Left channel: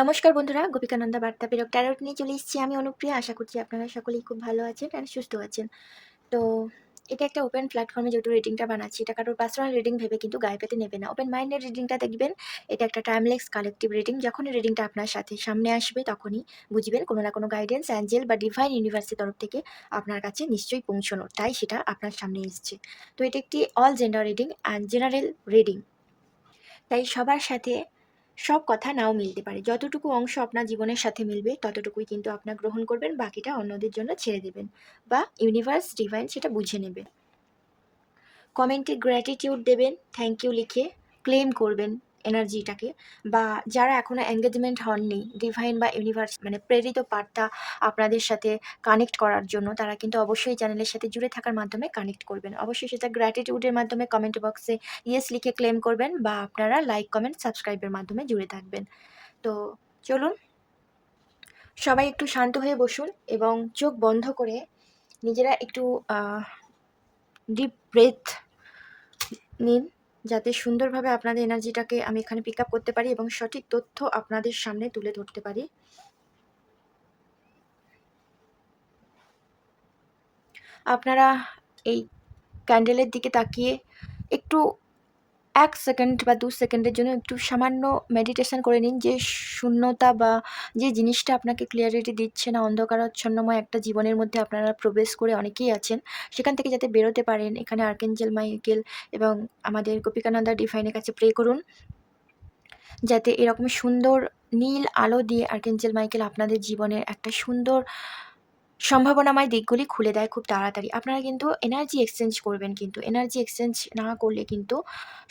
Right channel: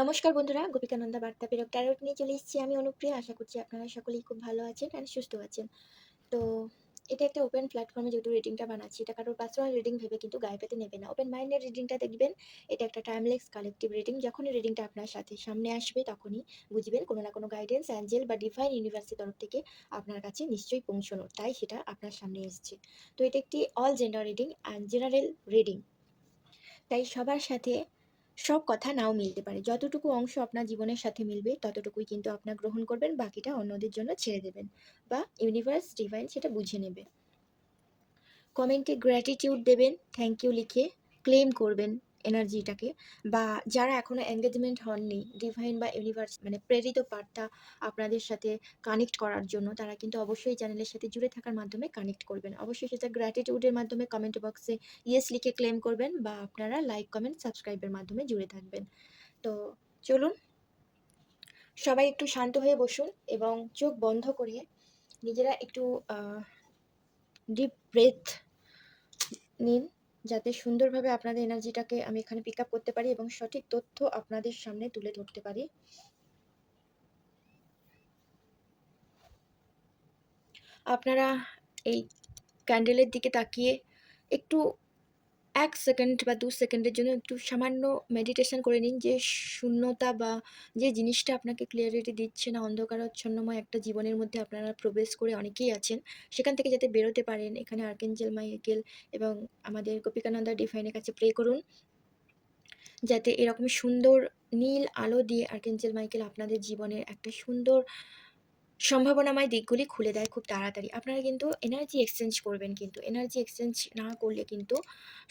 নমস্কার বন্ধুরা, গোপিকানন্দা বার্তা প্রেরক ট্যারোট নিয়ে চলে এসেছি আমি অনুপ্রিয়া। আশা করছি আপনারা সকলেই খুব ভালো আছেন আর সুস্থ আছেন। তো এটা একটা ওপেন প্ল্যাটফর্মে যেহেতু রিডিংটা বানাচ্ছি, এটা কারোর পার্সোনাল রিডিং ভেবে কিন্তু গায়ে পেতে নেবে না। ওপেন মাইন্ডের রিডিংটা দেখবেন, এটা একটা টাইমলেস কালেকটিভ রিডিং। যখনই রিডিংটা আপনার সাথে সামনে আসবে তখনই বুঝবেন কোনো না কোনো গাইডেন্স, অ্যাঞ্জেল বা ডিভাইন ইউনিভার্সের তরফ থেকে আপনার কাছে নিশ্চয়ই পৌঁছানো, তাই সেটা আপনার সামনে এসছে। তো এটা একটি all gender reading and general reading, তাই সবার সাথে সব কথা নাও মিলতে পারে। যতটুকু অংশ আপনার জীবনের সাথে মিলবে ততটুকুই কিন্তু আপনার গ্রহণ করবেন, বাকিটা অন্যদের জন্য ছেড়ে দেবেন বা ইউনিভার্স ডিভাইন সেটা বুঝে নেবে। কমেন্টে গ্র্যাটিটিউড দেবেন, থ্যাংক ইউ লিখে ক্লেম করবেন এনার্জিটাকে। বা যারা এখনো এঙ্গেজমেন্ট হননি, ডিভাইন বা ইউনিভার্স মানে প্রেরিত বার্তা আপনাদের সাথে কানেক্ট করার জন্য, তারা কিন্তু অবশ্যই চ্যানেলের সাথে জুড়ে থাকার মাধ্যমে কানেক্ট করবেন। অবশ্যই সেটা গ্র্যাটিটিউডের মাধ্যমে কমেন্ট বক্সে ইয়েস লিখে ক্লেম করবেন, বা আপনারা লাইক কমেন্ট সাবস্ক্রাইবের মাধ্যমে জুড়ে থাকবেন। তো চলুন, সবাই একটু শান্ত হয়ে বসুন এবং চোখ বন্ধ করে নিজেরা একটু ডিপ ব্রেথ নিন, যাতে সুন্দরভাবে আপনাদের এনার্জিটাকে আমি এখানে পিক আপ করতে পারি এবং সঠিক তথ্য আপনাদের সামনে তুলে ধরতে পারি। আপনারা এই ক্যান্ডেলের দিকে তাকিয়ে একটু ১ সেকেন্ড বা ২ সেকেন্ডের জন্য একটু সামান্য মেডিটেশন করে নিন। যে শূন্যতা বা যে জিনিসটা আপনাকে ক্লিয়ারিটি দিচ্ছে না, অন্ধকারাচ্ছন্নময় একটা জীবনের মধ্যে আপনারা প্রবেশ করে অনেকেই আছেন, সেখান থেকে যাতে বেরোতে পারেন, এখানে আর্কেঞ্জেল মাইকেল এবং আমাদের গোপিকানন্দা ডিভাইনের কাছে প্রে করুন, যাতে এরকম সুন্দর নীল আলো দিয়ে আর্কেঞ্জেল মাইকেল আপনাদের জীবনের একটা সুন্দর সম্ভাবনাময় দিকগুলি খুলে দেয় খুব তাড়াতাড়ি। আপনারা কিন্তু এনার্জি এক্সচেঞ্জ করবেন, কিন্তু এনার্জি এক্সচেঞ্জ না করলে কিন্তু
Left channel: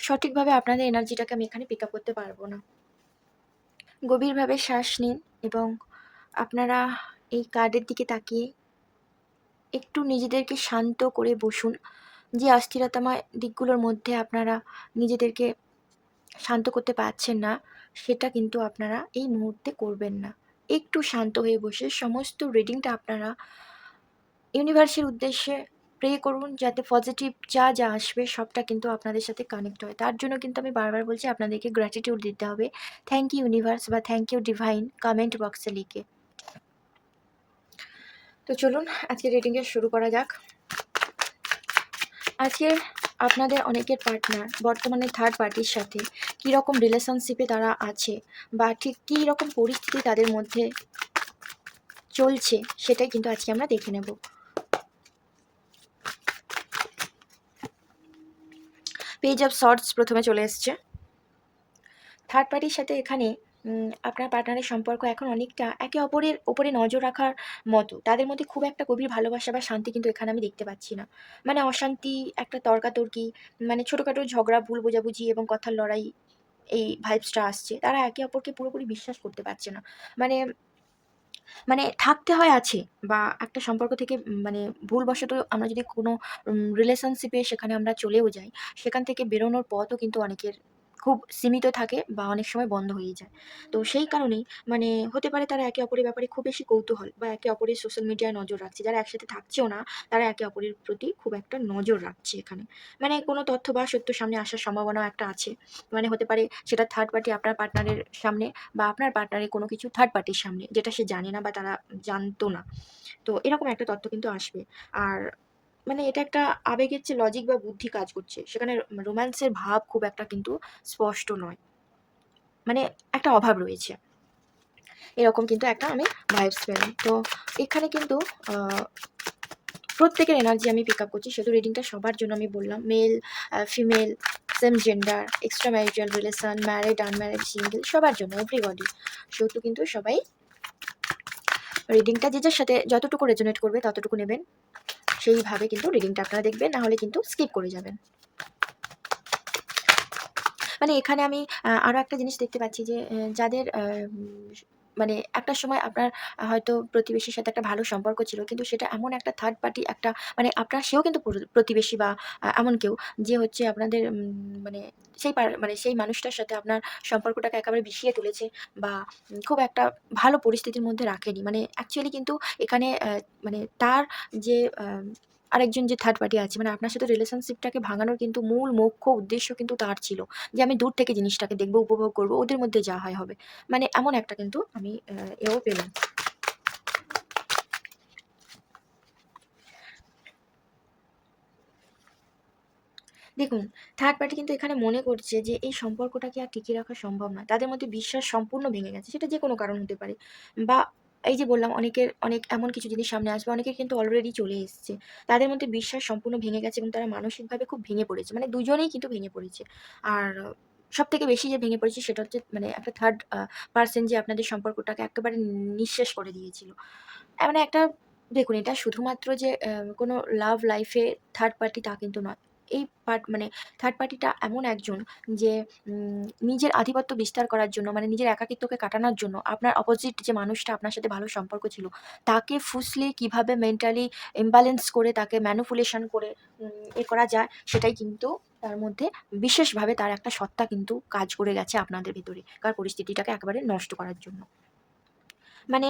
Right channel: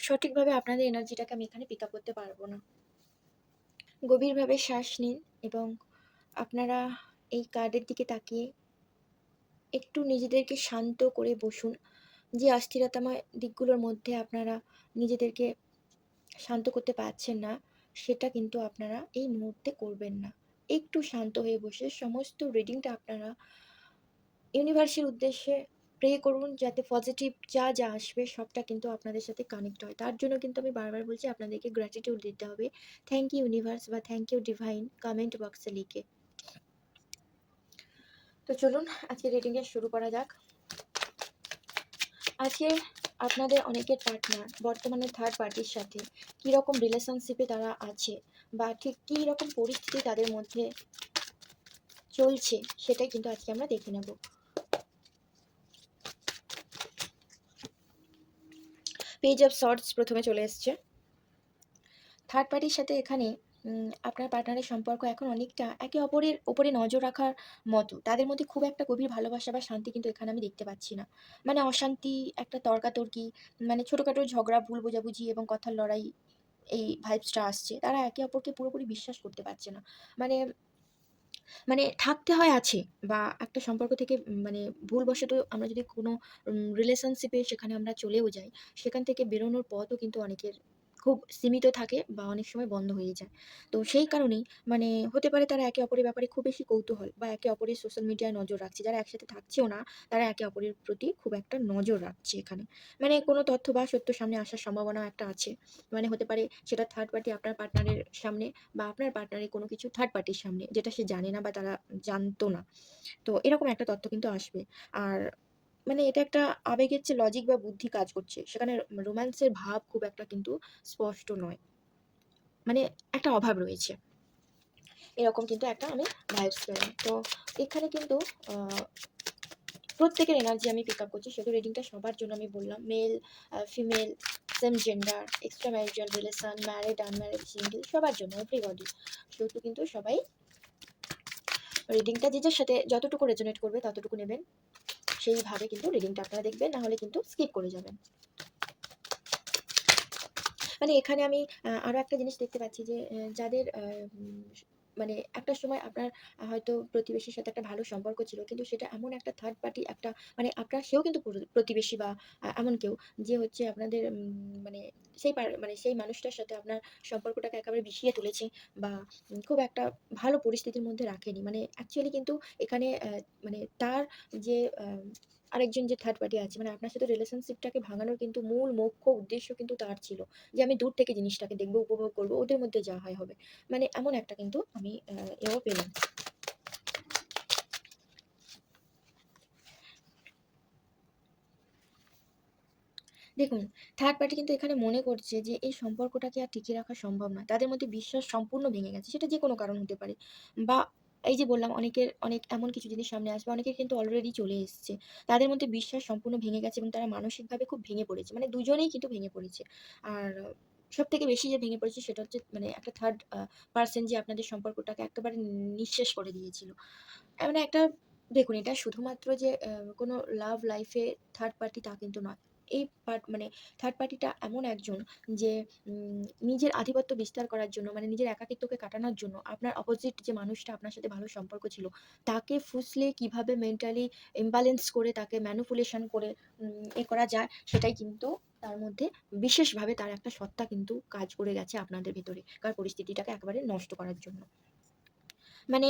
সঠিকভাবে আপনাদের এনার্জিটাকে আমি এখানে পিক আপ করতে পারবো না। গভীরভাবে শ্বাস নিন এবং আপনারা এই কার্ডের দিকে তাকিয়ে একটু নিজেদেরকে শান্ত করে বসুন। যে অস্থিরতাময় দিকগুলোর মধ্যে আপনারা নিজেদেরকে শান্ত করতে পারছেন না, সেটা কিন্তু আপনারা এই মুহূর্তে করবেন না। একটু শান্ত হয়ে বসে সমস্ত রিডিংটা আপনারা ইউনিভার্সের উদ্দেশ্যে প্রে করুন, যাতে পজিটিভ যা যা আসবে সবটা কিন্তু আপনাদের সাথে কানেক্ট হয়। তার জন্য কিন্তু আমি বারবার বলছি, আপনাদেরকে গ্র্যাটিটিউড দিতে হবে। থ্যাংক ইউ ইউনিভার্স বা থ্যাংক ইউ ডিভাইন কমেন্ট বক্সে লিখে। তো চলুন আজকে রিডিংয়ে শুরু করা যাক। আজকের আপনাদের অনেকের পার্টনার বর্তমানে থার্ড পার্টির সাথে কীরকম রিলেশনশিপে তারা আছে, বা ঠিক কী রকম পরিস্থিতি তাদের মধ্যে চলছে, সেটাই কিন্তু আজকে আমরা দেখে নেব। পেজ অফ শর্টস প্রথমে চলে এসছে। থার্ড পার্টির সাথে এখানে আপনার পার্টনারের সম্পর্ক এখন অনেকটা একে অপরের উপরে নজর রাখার মতো। তাদের মধ্যে খুব একটা গভীর ভালোবাসা বা শান্তি কিন্তু এখানে আমি দেখতে পাচ্ছি না। মানে অশান্তি, একটা তর্কাতর্কি, মানে ছোটোখাটো ঝগড়া, ভুল বোঝাবুঝি এবং কথার লড়াই, এই ভাইবসটা আসছে। তারা একে অপরকে পুরোপুরি বিশ্বাস করতে পারছে না। মানে মানে থাকতে হয় আছে, বা একটা সম্পর্ক থেকে মানে ভুলবশত আমরা যদি কোনো রিলেশনশিপে সেখানে আমরা চলেও যাই, সেখান থেকে বেরোনোর পথও কিন্তু অনেকের খুব সীমিত থাকে বা অনেক সময় বন্ধ হয়ে যায়। তো সেই কারণেই মানে হতে পারে তারা একে অপরের ব্যাপারে খুব বেশি কৌতূহল, বা একে অপরের সোশ্যাল মিডিয়ায় নজর রাখছে। যারা একসাথে থাকছেও না, তারা একে অপরের প্রতি খুব একটা নজর রাখছে এখানে। মানে কোনো তথ্য বা সত্য সামনে আসার সম্ভাবনাও একটা আছে। মানে হতে পারে সেটা থার্ড পার্টি আপনার পার্টনারের সামনে, বা আপনার পার্টনারের কোনো কিছু থার্ড পার্টির সামনে, যেটা সে জানে না বা তারা জানতো না। তো এরকম একটা তথ্য কিন্তু আসবে। আর মানে এটা একটা আবেগের চেয়ে লজিক বা বুদ্ধি কাজ করছে। সেখানে রোম্যান্সের ভাব খুব একটা কিন্তু স্পষ্ট নয়। মানে একটা অভাব রয়েছে। এরকম কিন্তু একটা আমি ভাইবস পেলাম। তো এখানে কিন্তু আ প্রত্যেকের এনার্জি আমি পিক আপ করছি। শুধু রিডিংটা সবার জন্য আমি বললাম। Male, female, same gender, extra marital relation, married, unmarried, single, সবার জন্য এভরিবডি। সেহেতু কিন্তু সবাই রিডিংটা যে যার সাথে যতটুকু রেজোনেট করবে ততটুকু নেবেন। সেইভাবে কিন্তু রিডিংটা আপনারা দেখবেন, না হলে কিন্তু স্কিপ করে যাবেন। মানে এখানে আমি আরো একটা জিনিস দেখতে পাচ্ছি যে যাদের মানে একটা সময় আপনার হয়তো প্রতিবেশীর সাথে একটা ভালো সম্পর্ক ছিল। কিন্তু সেটা এমন একটা থার্ড পার্টি, একটা মানে আপনার সেও কিন্তু প্রতিবেশী, বা এমন কেউ যে হচ্ছে আপনাদের মানে মানে সেই মানুষটার সাথে আপনার সম্পর্কটাকে একেবারে বিষিয়ে তুলেছে, বা খুব একটা ভালো পরিস্থিতির মধ্যে রাখেনি। মানে অ্যাকচুয়ালি কিন্তু এখানে মানে তার যে আরেকজন যে থার্ড পার্টি আছে, মানে আপনার সাথে রিলেশনশিপটাকে ভাঙানোর কিন্তু মূল মুখ্য উদ্দেশ্য কিন্তু তার ছিল। যে আমি দূর থেকে জিনিসটাকে দেখব, উপভোগ করব। ওদের মধ্যে যা হয় হবে। মানে এমন একটা কিন্তু আমি এও পেলাম। দেখুন, থার্ড পার্টি কিন্তু এখানে মনে করছে যে এই সম্পর্কটাকে আর টিকিয়ে রাখা সম্ভব নয়। তাদের মধ্যে বিশ্বাস সম্পূর্ণ ভেঙে গেছে। সেটা যেকোনো কারণ হতে পারে। বা এই যে বললাম, অনেকের অনেক এমন কিছু জিনিস সামনে আসবে, অনেকের কিন্তু অলরেডি চলে এসছে। তাদের মধ্যে বিশ্বাস সম্পূর্ণ ভেঙে গেছে এবং তারা মানসিকভাবে খুব ভেঙে পড়েছে। মানে দুজনেই কিন্তু ভেঙে পড়েছে। আর সবথেকে বেশি যে ভেঙে পড়েছে সেটা হচ্ছে মানে একটা থার্ড পারসন যে আপনাদের সম্পর্কটাকে একেবারে নিঃশেষ করে দিয়েছিল। মানে একটা, দেখুন, এটা শুধুমাত্র যে কোনো লাভ লাইফে থার্ড পার্টি তা কিন্তু নয়। এই মানে থার্ড পার্টিটা এমন একজন যে নিজের আধিপত্য বিস্তার করার জন্য, মানে নিজের একাকিত্বকে কাটানোর জন্য আপনার অপোজিট যে মানুষটা আপনার সাথে ভালো সম্পর্ক ছিল, তাকে ফুসলিয়ে কিভাবে মেন্টালি ইমব্যালেন্স করে তাকে ম্যানিপুলেশন করে করা যায়, সেটাই কিন্তু তার মধ্যে বিশেষভাবে তার একটা সত্তা কিন্তু কাজ করে গেছে আপনাদের ভেতরে। কার পরিস্থিতিটাকে একেবারে নষ্ট করার জন্য। মানে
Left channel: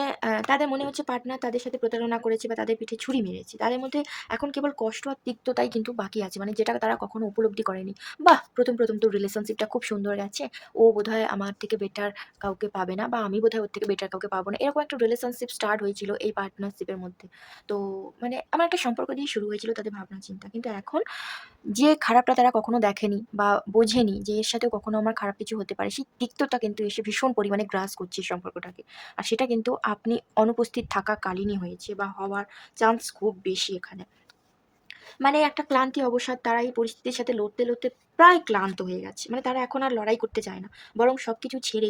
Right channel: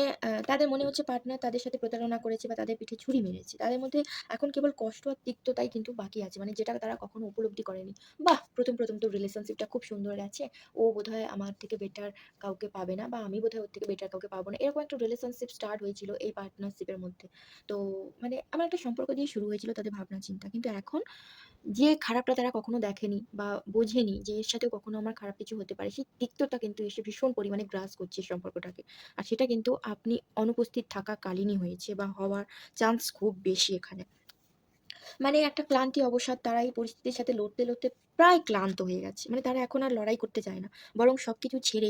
তাদের মনে হচ্ছে পার্টনার তাদের সাথে প্রতারণা করেছে বা তাদের পিঠে ছুরি মেরেছে। তাদের মধ্যে এখন কেবল কষ্ট আর তিক্ততাই কিন্তু বাকি আছে। মানে যেটা তারা কখনো উপলব্ধি করেনি। বাহ! ১ম তো রিলেশনশিপটা খুব সুন্দর গেছে। ও বোধহয় আমার থেকে বেটার কাউকে পাবে না, বা আমি বোধহয় ওর থেকে বেটার কাউকে পাবো না। এরকম একটা রিলেশনশিপ স্টার্ট হয়েছিল এই পার্টনারশিপের মধ্যে। তো মানে আমার একটা সম্পর্ক দিয়ে শুরু হয়েছিল তাদের ভাবনা চিন্তা। কিন্তু এখন যে খারাপটা তারা কখনো দেখেনি বা বোঝেনি যে এর সাথেও কখনো আমার খারাপ কিছু হতে পারে, সেই তিক্ততা কিন্তু এসে ভীষণ পরিমাণে গ্রাস করছে এই সম্পর্কটাকে। আর সেটা কিন্তু আপনি অনুপস্থিত থাকাকালীনই হয়েছে বা হওয়ার চান্স খুব বেশি এখানে। মানে একটা ক্লান্তি অবসাদ, তারা এই পরিস্থিতির সাথে লড়তে প্রায় ক্লান্ত হয়ে গেছে। মানে তারা এখন আর লড়াই করতে চায় না। বরং সবকিছু ছেড়ে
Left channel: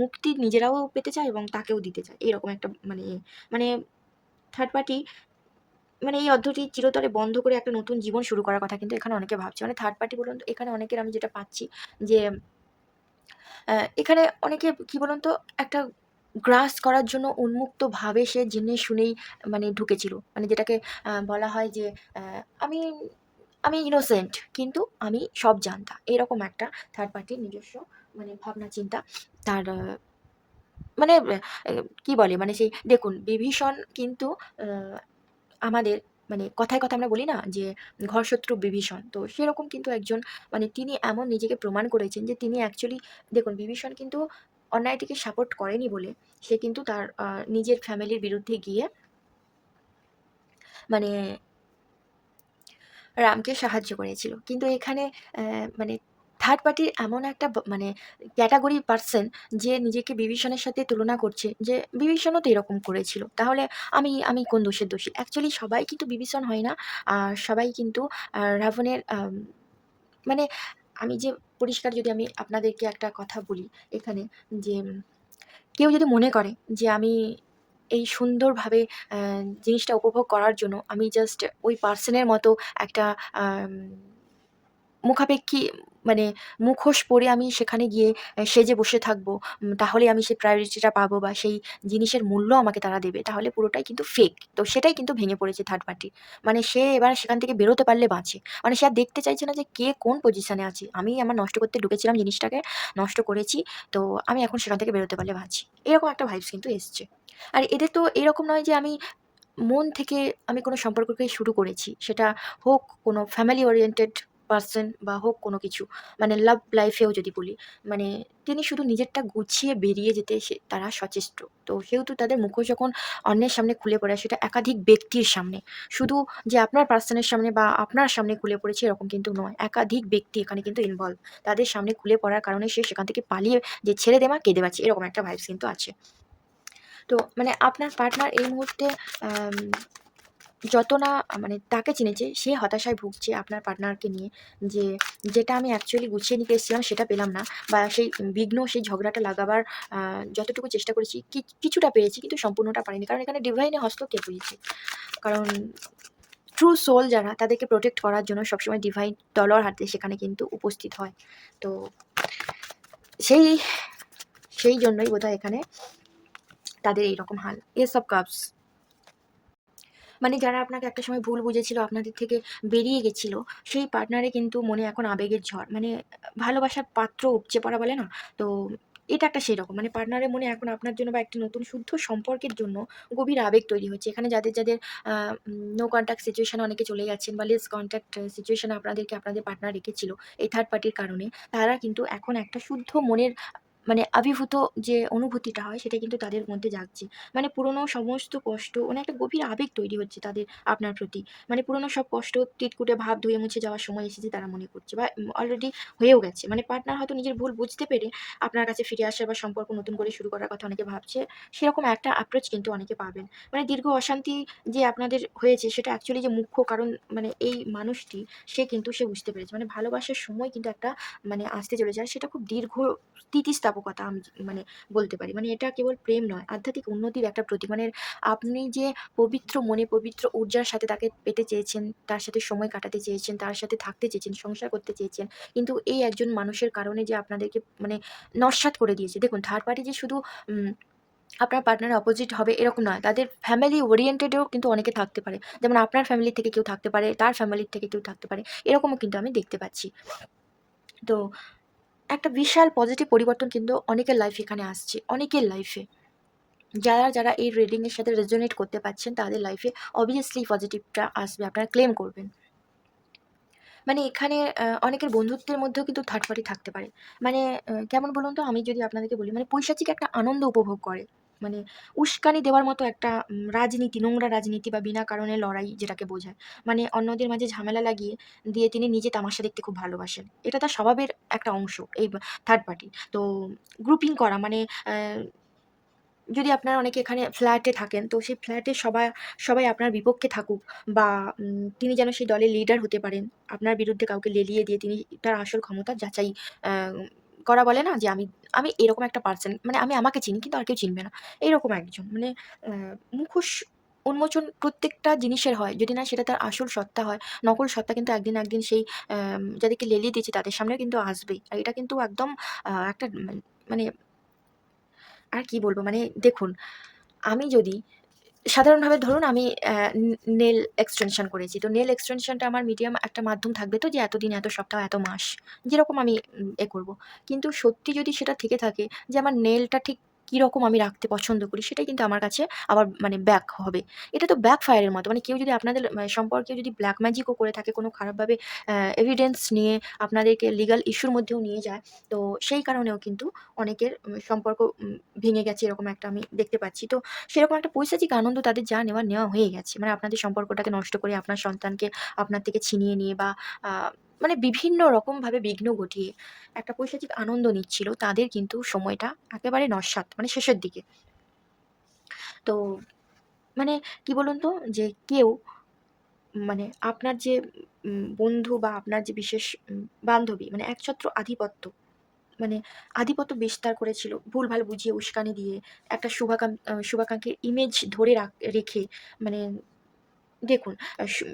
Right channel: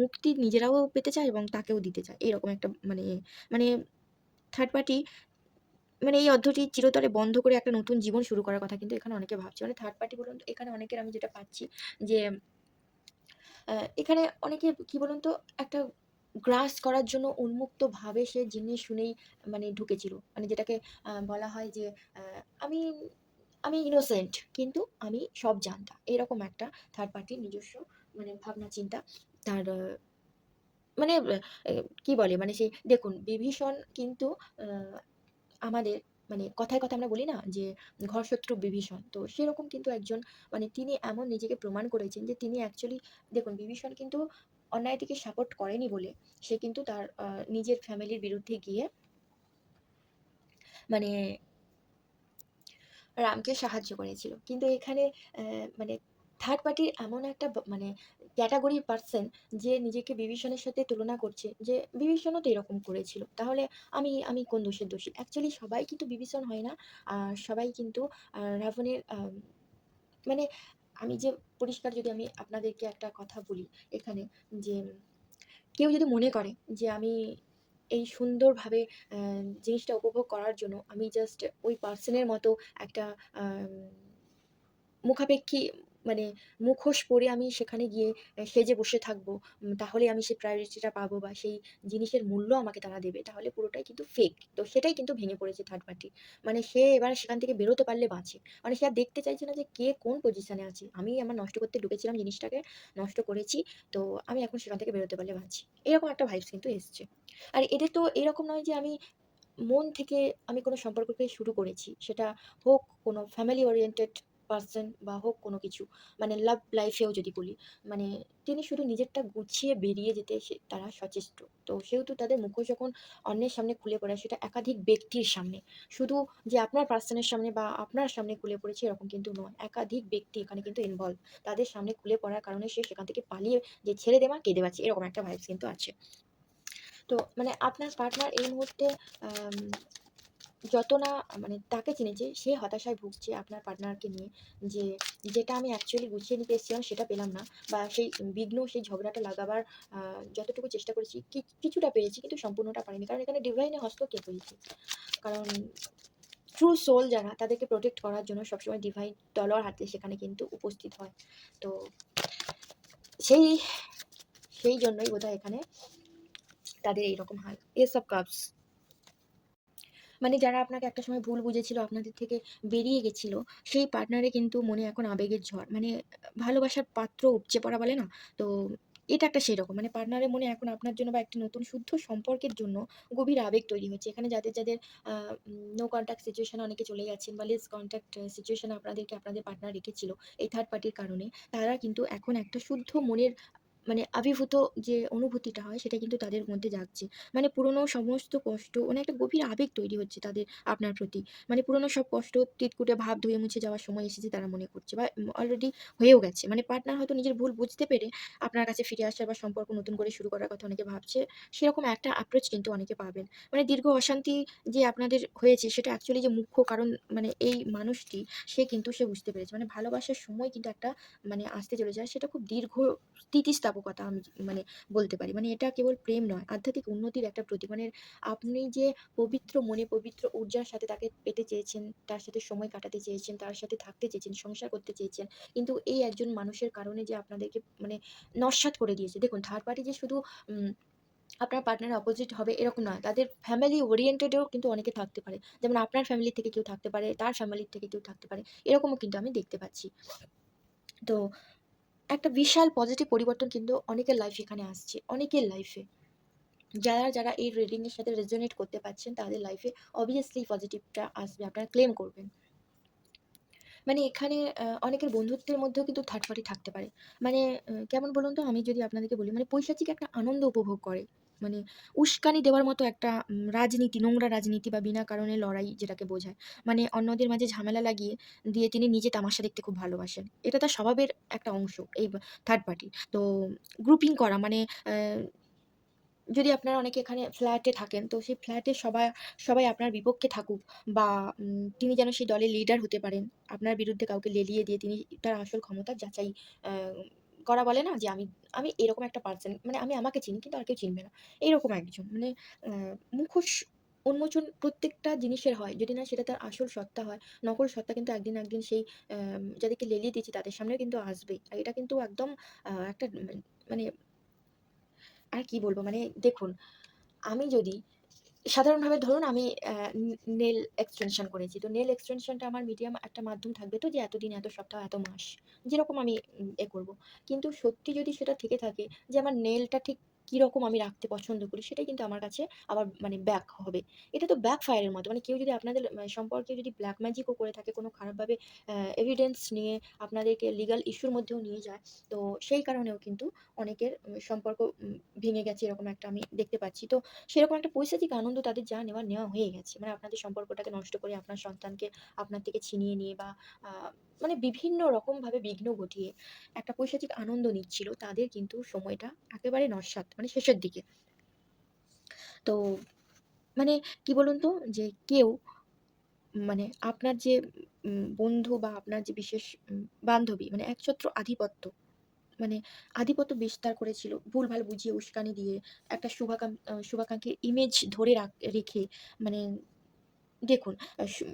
মুক্তি নিজেরাও পেতে চায় এবং তাকেও দিতে চায়। এরকম একটা মানে মানে থার্ড পার্টি মানে এই অধ্যায়টি চিরতরে বন্ধ করে একটা নতুন জীবন শুরু করার কথা কিন্তু এখানে অনেকে ভাবছে। মানে থার্ড পার্টি বলুন তো, এখানে অনেকের আমি যেটা পাচ্ছি যে এখানে অনেকে কি বলুন তো, একটা গ্রাস করার জন্য উন্মুক্তভাবে সে জেনে শুনেই মানে ঢুকেছিল। মানে যেটাকে বলা হয় যে আ আমি আমি ইনোসেন্ট কিন্তু আমি সব জানতা। এরকম একটা থার্ড পার্টির নিজস্ব মানে ভাবনা চিন্তা। তার মানে কি বলে, মানে সেই দেখুন, বিভীষণ কিন্তু আ আমাদের মানে কথায় আমরা বলি না যে ঘরশত্রু বিভীষণ। তো সেরকম কিন্তু একজন, মানে তিনি এমন নিজেকে প্রমাণ করেছেন যে তিনি অ্যাকচুয়ালি, দেখুন, বিভীষণ কিন্তু অন্যায়টিকে সাপোর্ট করেনি বলে সে কিন্তু তার নিজের ফ্যামিলির বিরুদ্ধে গিয়ে মানে রামকে সাহায্য করেছিল। কিন্তু এখানে মানে থার্ড পার্টির এমন একটা মানে ক্যাটেগরি পারসন যে নিজেকে বিভীষণের সাথে তুলনা করছে যে বিভীষণও তো এরকম করেছিল। তাহলে আমি কোন দোষের দোষী? অ্যাকচুয়ালি সবাই কিন্তু বিভীষণ হয় না। সবাই কিন্তু রাবণের মানে আমি যে পরিষ্কার, যদি আমি আপনাদেরকে একটা কথা বলি এখানে, যে কেউ যদি মনে করে যে আমি এই সুন্দরভাবে অ্যা জিনিসটা উপভোগ করার জন্য আমি জাস্ট ওই পার্সনের মতো একটা আম মুখাপেক্ষী, মানে মুখোশ পরে আমি সেখানে গিয়ে সেজে বসে থাকবো। তাহলেই আমি সেই প্রায়োরিটিটা পাবো বা সেই জিনিসের মূল্য আমাকে তারা দেবে। তাহলে পুরোটাই কিন্তু ফেক। তো সেটাই কিন্তু ভেঙে পড়েছে থার্ড পার্টি। মানে সে এবার সেখান থেকে বেরোতে পারলে বাঁচে। মানে সে আর দেখতে চাইছে না যে কে কোন পজিশনে আছে। আমি আমার নষ্ট করতে ঢুকেছিলাম জিনিসটাকে, নষ্ট করেছি। তো আমি এখন সেখান থেকে বেরোতে পারলে বাঁচি। এরকম একটা ভাইবস কিন্তু এসছে। আর এদের তো এরকম নয় যে আমি মন থেকে আমি কোনো সম্পর্ককে শুরু করেছি। সেটা হোক কোনো ফ্যামিলি ওরিয়েন্টেড পারসন বা হোক কোনো কিছু। মানে লাভ লাইফ এও যদি বলি, মানে তিনি শুধু নিজেরটা গুছিয়ে বেরিয়ে যেতে তারা সচেষ্ট। তো সেহেতু তাদের মুখোশ যখন অন্যের সামনে খুলে পড়ে, সেটা একাধিক ব্যক্তির সামনে। শুধু যে আপনার পার্সনের সামনে বা আপনার সামনে খুলে পড়েছে এরকম কিন্তু নয়। একাধিক ব্যক্তি এখানে কিন্তু ইনভলভ। তাদের সামনে খুলে পড়ার কারণে সে সেখান থেকে পালিয়ে যে ছেড়ে দে মা, কেঁদে বাঁচি, এরকম একটা ভাইবস কিন্তু আছে। তো মানে আপনার পার্টনার এই মুহূর্তে আম যত না মানে তাকে চিনেছে, সে হতাশায় ভুগছে আপনার পার্টনারকে নিয়ে, যে যেটা আমি অ্যাকচুয়ালি গুছিয়ে নিতে এসেছিলাম সেটা পেলাম না, বা সেই বিঘ্ন, সেই ঝগড়াটা লাগাবার যতটুকু চেষ্টা করেছি কিছুটা পেরেছি কিন্তু সম্পূর্ণটা পারিনি। কারণ এখানে ডিভাইনের হস্তক্ষেপ হয়েছে। কারণ ট্রু সোল যারা, তাদেরকে প্রোটেক্ট করার জন্য সবসময় ডিভাইন তলোয়ার হাতে সেখানে কিন্তু উপস্থিত হয়। তো সেই সেই জন্যই বোধহয় এখানে তাদের এইরকম হাল। এস অফ কাপস, মানে যারা আপনাকে একটা সময় ভুল বুঝেছিল, আপনাদের থেকে বেরিয়ে গেছিল, সেই পার্টনারে কিন্তু মনে এখন আবেগের ঝড়। মানে ভালোবাসার পাত্র উপচে পড়া বলে না? তো এটা একটা সেরকম মানে পার্টনারের মনে এখন আপনার জন্য বা একটি নতুন শুদ্ধ সম্পর্কের জন্য গভীর আবেগ তৈরি হচ্ছে। এখানে যাদের নো কনট্যাক্ট সিচুয়েশন এ অনেকে চলে গেছেন বা লেস কনট্যাক্ট সিচুয়েশন এ আপনাদেরকে আপনাদের পার্টনার রেখেছিল এই থার্ড পার্টির কারণে, তারা কিন্তু এখন একটা শুদ্ধ মনের মানে আবির্ভূত যে অনুভূতিটা হয় সেটা কিন্তু তাদের মধ্যে জাগছে। মানে পুরনো সমস্ত কষ্ট মানে একটা গভীর আবেগ তৈরি হচ্ছে তাদের আপনার প্রতি। মানে পুরনো সব কষ্ট তিতকুটে ভাব ধুয়ে মুছে যাওয়ার সময় এসেছে তারা মনে করছে বা অলরেডি হয়েও গেছে। মানে পার্টনার হয়তো নিজের ভুল বুঝতে পেরে আপনার কাছে ফিরে আসা বা সম্পর্ক নতুন করে শুরু করার কথা অনেকে ভাবছে। সেরকম একটা অ্যাপ্রোচ কিন্তু অনেকে পাবেন। মানে দীর্ঘ অশান্তি যে আপনাদের হয়েছে সেটা অ্যাকচুয়ালি যে মুখ্য কারণ মানে এই মানুষটি সে বুঝতে পেরেছে। মানে ভালোবাসার সময় কিন্তু একটা মানে আসতে চলেছে। আর সেটা খুব দীর্ঘ স্থিতিস্থাপকতা আমি মানে বলতে পারি। মানে এটা কেবল প্রেম নয়, আধ্যাত্মিক উন্নতির একটা প্রতীক। মানে আপনি যে পবিত্র মনে পবিত্র ঊর্জার সাথে তাকে পেতে চেয়েছেন, তার সাথে সময় কাটাতে চেয়েছেন, তার সাথে থাকতে চেয়েছেন, সংসার করতে চেয়েছেন। কিন্তু এই একজন মানুষের কারণে যে আপনাদেরকে মানে নস্যাৎ করে দিয়েছে। দেখুন থার্ড পার্টি যে শুধু উম আপনার পার্টনারের অপোজিট হবে এরকম নয়। তাদের ফ্যামিলি ওরিয়েন্টেড এও কিন্তু অনেকে থাকতে পারে। যেমন আপনার ফ্যামিলি থেকে কেউ থাকতে পারে, তার ফ্যামিলির থেকে কেউ থাকতে পারে। এরকমও কিন্তু আমি দেখতে পাচ্ছি। তো একটা বিশাল পজিটিভ পরিবর্তন কিন্তু অনেকের লাইফে এখানে আসছে। অনেকের লাইফে। যারা এই রিডিং এর সাথে রেজোনেট করতে পারছেন তাদের লাইফে অবভিয়াসলি পজিটিভটা আসবে। আপনারা ক্লেম করবেন। মানে এখানে অনেকের বন্ধুত্বের মধ্যেও কিন্তু থার্ড পার্টি থাকতে পারে। মানে কেমন বলুন তো? আমি যদি আপনাদেরকে বলি মানে পৈশাচিক একটা আনন্দ উপভোগ করে। মানে উস্কানি দেওয়ার মতো একটা রাজনীতি, নোংরা রাজনীতি বা বিনা কারণে লড়াই যেটাকে বোঝায়। মানে অন্যদের মাঝে ঝামেলা লাগিয়ে দিয়ে তিনি নিজে তামাশা দেখতে খুব ভালোবাসেন। এটা তার স্বভাবের একটা অংশ এই থার্ড পার্টি। তো গ্রুপিং করা মানে অ্যা যদি আপনারা অনেকে এখানে ফ্ল্যাটে থাকেন, তো সেই ফ্ল্যাটে সবাই আপনার বিপক্ষে থাকুক বা তিনি যেন সেই দলের লিডার হতে পারেন। আপনার বিরুদ্ধে কাউকে লেলিয়ে দিয়ে তিনি তার আসল ক্ষমতা যাচাই আ করা বলে না? যে আমি এরকম একটা পার্সন মানে আমি আমাকে চিনি কিন্তু আর কেউ চিনবে না। এইরকম একজন মানে আ মুখোশ উন্মোচন প্রত্যেকটা জিনিসের হয়। যদি না সেটা তার আসল সত্তা হয়, নকল সত্তা কিন্তু একদিন না একদিন সেই যাদেরকে লেলিয়ে দিয়েছে তাদের সামনেও কিন্তু আসবেই। আর এটা কিন্তু একদম একটা মানে আর কি বলব? মানে দেখুন, আমি যদি সাধারণভাবে ধরুন আমি নেল এক্সটেনশন করেছি। তো নেল এক্সটেনশনটা আমার মিডিয়াম একটা মাধ্যম থাকবে তো যে এতদিন, এত সপ্তাহ, এত মাস। যেরকম আমি করব। কিন্তু সত্যি যদি সেটা থেকে থাকে যে আমার নেলটা ঠিক কিরকম আমি রাখতে পছন্দ করি সেটাই কিন্তু আমার কাছে আবার মানে ব্যাক হবে। এটা তো ব্যাক ফায়ার এর মতো। মানে কেউ যদি আপনাদের সম্পর্কে যদি ব্লাক ম্যাজিক ও করে থাকে কোনো খারাপভাবে এভিডেন্স নিয়ে আপনাদেরকে লিগাল ইস্যুর মধ্যেও নিয়ে যায়। তো সেই কারণেও কিন্তু অনেকের সম্পর্ক ভেঙে গেছে এরকম একটা আমি দেখতে পাচ্ছি। তো সেরকম একটা পৈশাচিক আনন্দ তাদের যা নেওয়ার নেওয়া হয়ে গেছে। মানে আপনাদের সম্পর্কটাকে নষ্ট করে আপনার সন্তানকে আপনার থেকে ছিনিয়ে নিয়ে বা আ মানে বিভিন্ন রকমভাবে বিঘ্ন ঘটিয়ে একটা পৈশাচিক আনন্দ নিচ্ছিল। তাদের কিন্তু সময়টা একেবারে নস্যাৎ মানে শেষের দিকে। তো মানে কি বলুন তো? যে কেউ মানে আপনার যে বন্ধু বা আপনার যে বিশেষ বান্ধবী মানে একছত্র আধিপত্য মানে আধিপত্য বিস্তার করেছিল। ভুলভাল বুঝিয়ে উস্কানি দিয়ে একটা শুভাকাঙ্ক্ষীর ইমেজ ধরে রেখে মানে দেখুন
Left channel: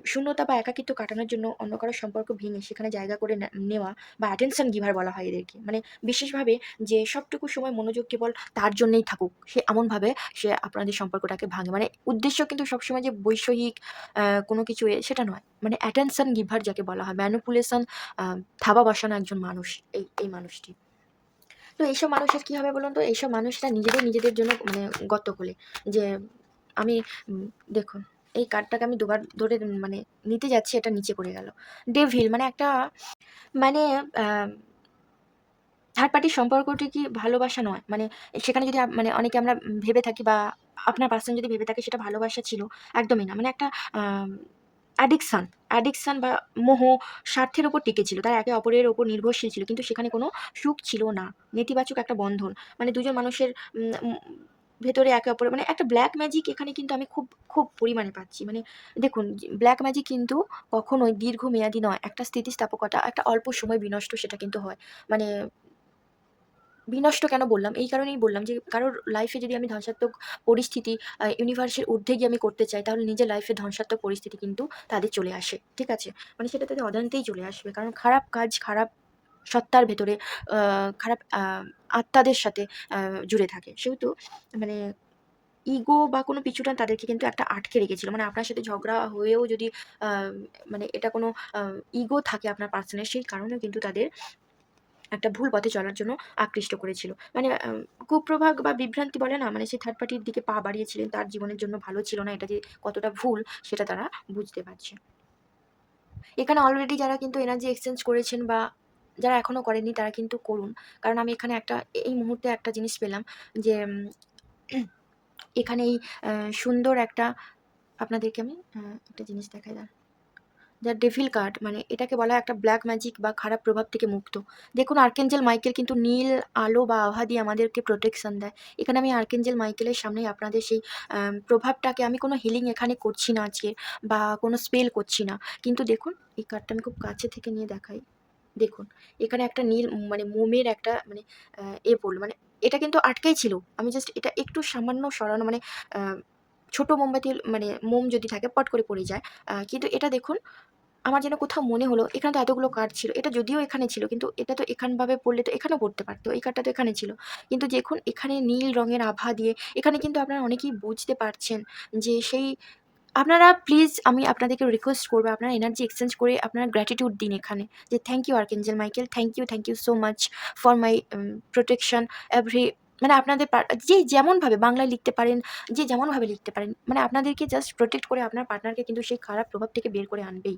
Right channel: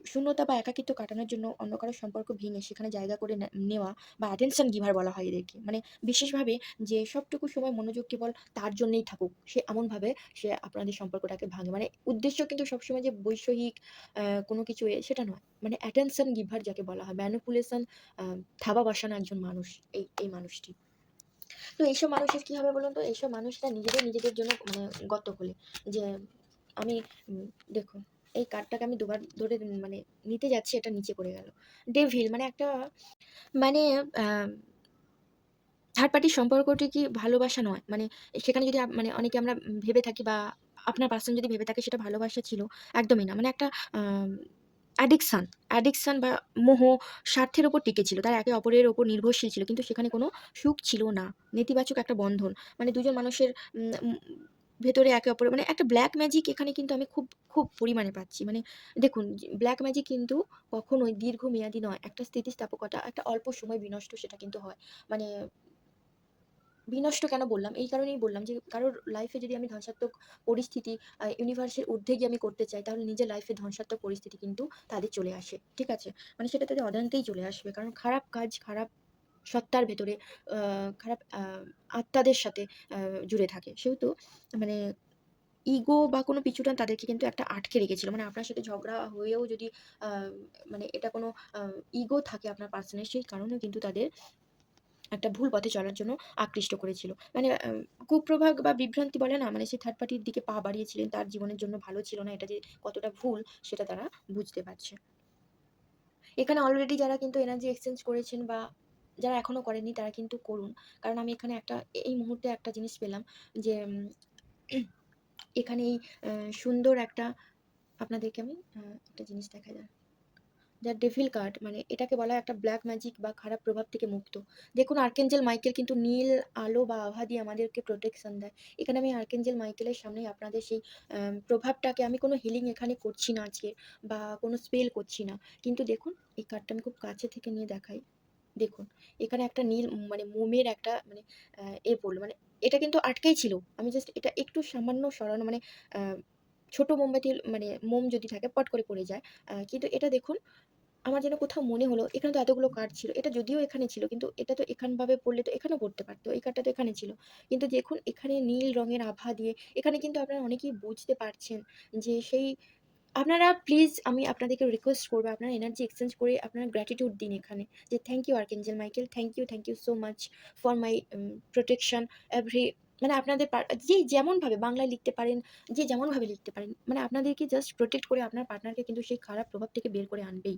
শূন্যতা বা একাকিত্ব কাটানোর জন্য অন্য কারো সম্পর্ক ভেঙে সেখানে জায়গা করে নেওয়া বা attention giver বলা হয় এদেরকে। মানে বিশেষভাবে যে সবটুকু সময় মনোযোগ কেবল তার জন্যই থাকুক। সে এমনভাবে সে আপনাদের সম্পর্কটাকে ভাঙে। মানে উদ্দেশ্য কিন্তু সবসময় যে বৈষয়িক কোনো কিছু সেটা নয়। মানে attention giver যাকে বলা হয় manipulation আ থাবা বসানো একজন মানুষ এই মানুষটি। তো এইসব মানুষের কি হবে বলুন তো? এইসব মানুষরা নিজেদের জন্য মানে গর্ত খোলে। যে আমি উম দেখুন এই কার্ডটাকে আমি দুবার ধরে মানে নিতে যাচ্ছি এটা নিচে পড়ে গেল। ডেভিল মানে একটা মানে আ থার্ড পার্টির সম্পর্কটি কি ভালোবাসা নয়। মানে সেখানে যদি মানে অনেকে আমরা ভেবে থাকি বা আপনার পার্সন যদি ভেবে থাকে সেটা ভালোবাসা ছিল, একদমই না। মানে একটা আম অ্যাডিকশন বা মোহ স্বার্থের উপর টিকে ছিল। তারা একে অপরের উপর নির্ভরশীল ছিল। কিন্তু সেখানে কোনো সুখ ছিল না। নেতিবাচক একটা বন্ধন। মানে দুজন মানুষের উম উম ভেতরে একে অপরের মানে একটা ব্লাক ম্যাজিক এখানে কিন্তু আমি খুব পরিমাণে পাচ্ছি। মানে দেখুন ব্লাক ম্যাজিক কিন্তু কখনোই দীর্ঘমেয়াদী নয়। একটা স্থিতিস্থাপকতা, একটা অল্প সময় বিনষ্ট সেটা কিন্তু হয়। মানে বিনষ্ট কেন বললাম? এই কারণেই বললাম যে কারোর লাইফে যদি আমি ধ্বংসাত্মক পরিস্থিতি ইউনিভার্সের ঊর্ধ্বে গিয়ে আমি করতে চাই তাহলে নিজের লাইফে ধ্বংসাত্মক পরিস্থিতি কিন্তু তাদের চলে আসে। ঠিক আছে? মানে সেটা তাদের অজান্তেই চলে আসবে। কারণ খারাপ কাজ, খারাপ সত্তার ভেতরে খারাপ আত্মাদের সাথে আ জুড়ে থাকে। সেহেতু মানে ইগো বা কোনো পিছুটান তাদেরকে কিন্তু একটা আটকে রেখেছিল। মানে আপনার সাথে ঝগড়া হয়েও যদি আ মানে এটা কোনো আ ইগো থাকে আপনার পার্সনের সেই কারণেও কিন্তু তাদের একটা ভুল পথে চলার জন্য আকৃষ্ট করেছিল। মানে কুপ্রভাব বা বিভ্রান্তি বলে না? মানে সে থার্ড পার্টির দিকে পা বাড়িয়েছিলেন, তার জীবনের জন্য ভালো ছিল না। এটা যে কতটা ভুল সেটা তারা বুঝতে পারছে। এখানে অলরেডি যারা কিন্তু এনার্জি এক্সচেঞ্জ করেছেন বা যারা এখনো করেননি তারা কিন্তু করুন। কারণ আমি এখানে এই মুহূর্তে একটা জিনিস পেলাম যে এখানে এই সুন্দর একটা আপনাদেরকে আমি একটা জিনিস দেখাই দাঁড়ান। দ্য ডেভিল কার্ড মানে এটাকে বলা হয় একটা ব্ল্যাক ম্যাজিক বা খারাপ প্রভাব থেকে মুক্ত। দেখুন আর্কেঞ্জেল মাইকেল কিন্তু নীল আলো বা আভা দিয়ে আমাদেরকে প্রোটেকশন দেয়। এখানে আমি আর্কেঞ্জেল মাইকেলের সামনেই আপনাদের সেই প্রভাবটাকে আমি কোনো হিলিং এখানে করছি না আজকে বা কোনো স্পেল করছি না। কিন্তু দেখুন এই কার্ডটা আমি খুব কাছে থেকে নিয়ে দেখাই। দেখুন এখানে একটা নীল মানে মোমের একটা মানে পড়লো। মানে এটা কিন্তু আটকেই ছিল। আমি জাস্ট এটা একটু সামান্য সরানো মানে আ ছোট মোমবাতি মানে মোম যদি থাকে পট করে পড়ে যায়। কিন্তু এটা দেখুন আমার যেন কোথাও মনে হলো এখানে তো এতগুলো কার্ড ছিল। এটা যদিও এখানে ছিল কিন্তু এটা তো এখানভাবে পড়লে তো এখানেও পড়তে পারত। এই কার্ডটা তো এখানে ছিল। কিন্তু দেখুন এখানে নীল রঙের আভা দিয়ে এখানে কিন্তু আপনারা অনেকেই বুঝতে পারছেন যে সেই আপনারা প্লিজ আমি আপনাদেরকে রিকোয়েস্ট করব আপনারা এনার্জি এক্সচেঞ্জ করে আপনারা গ্র্যাটিটিউড দিন এখানে। যে thank you archangel Michael. Thank you so much for my protection every মানে আপনাদের যে যেমনভাবে বাংলায় লিখতে পারেন, যে যেমনভাবে লিখতে পারেন। মানে আপনাদেরকে জাস্ট প্রোটেক্ট করে আপনার পার্টনারকে কিন্তু সেই খারাপ প্রভাব থেকে বের করে আনবেই।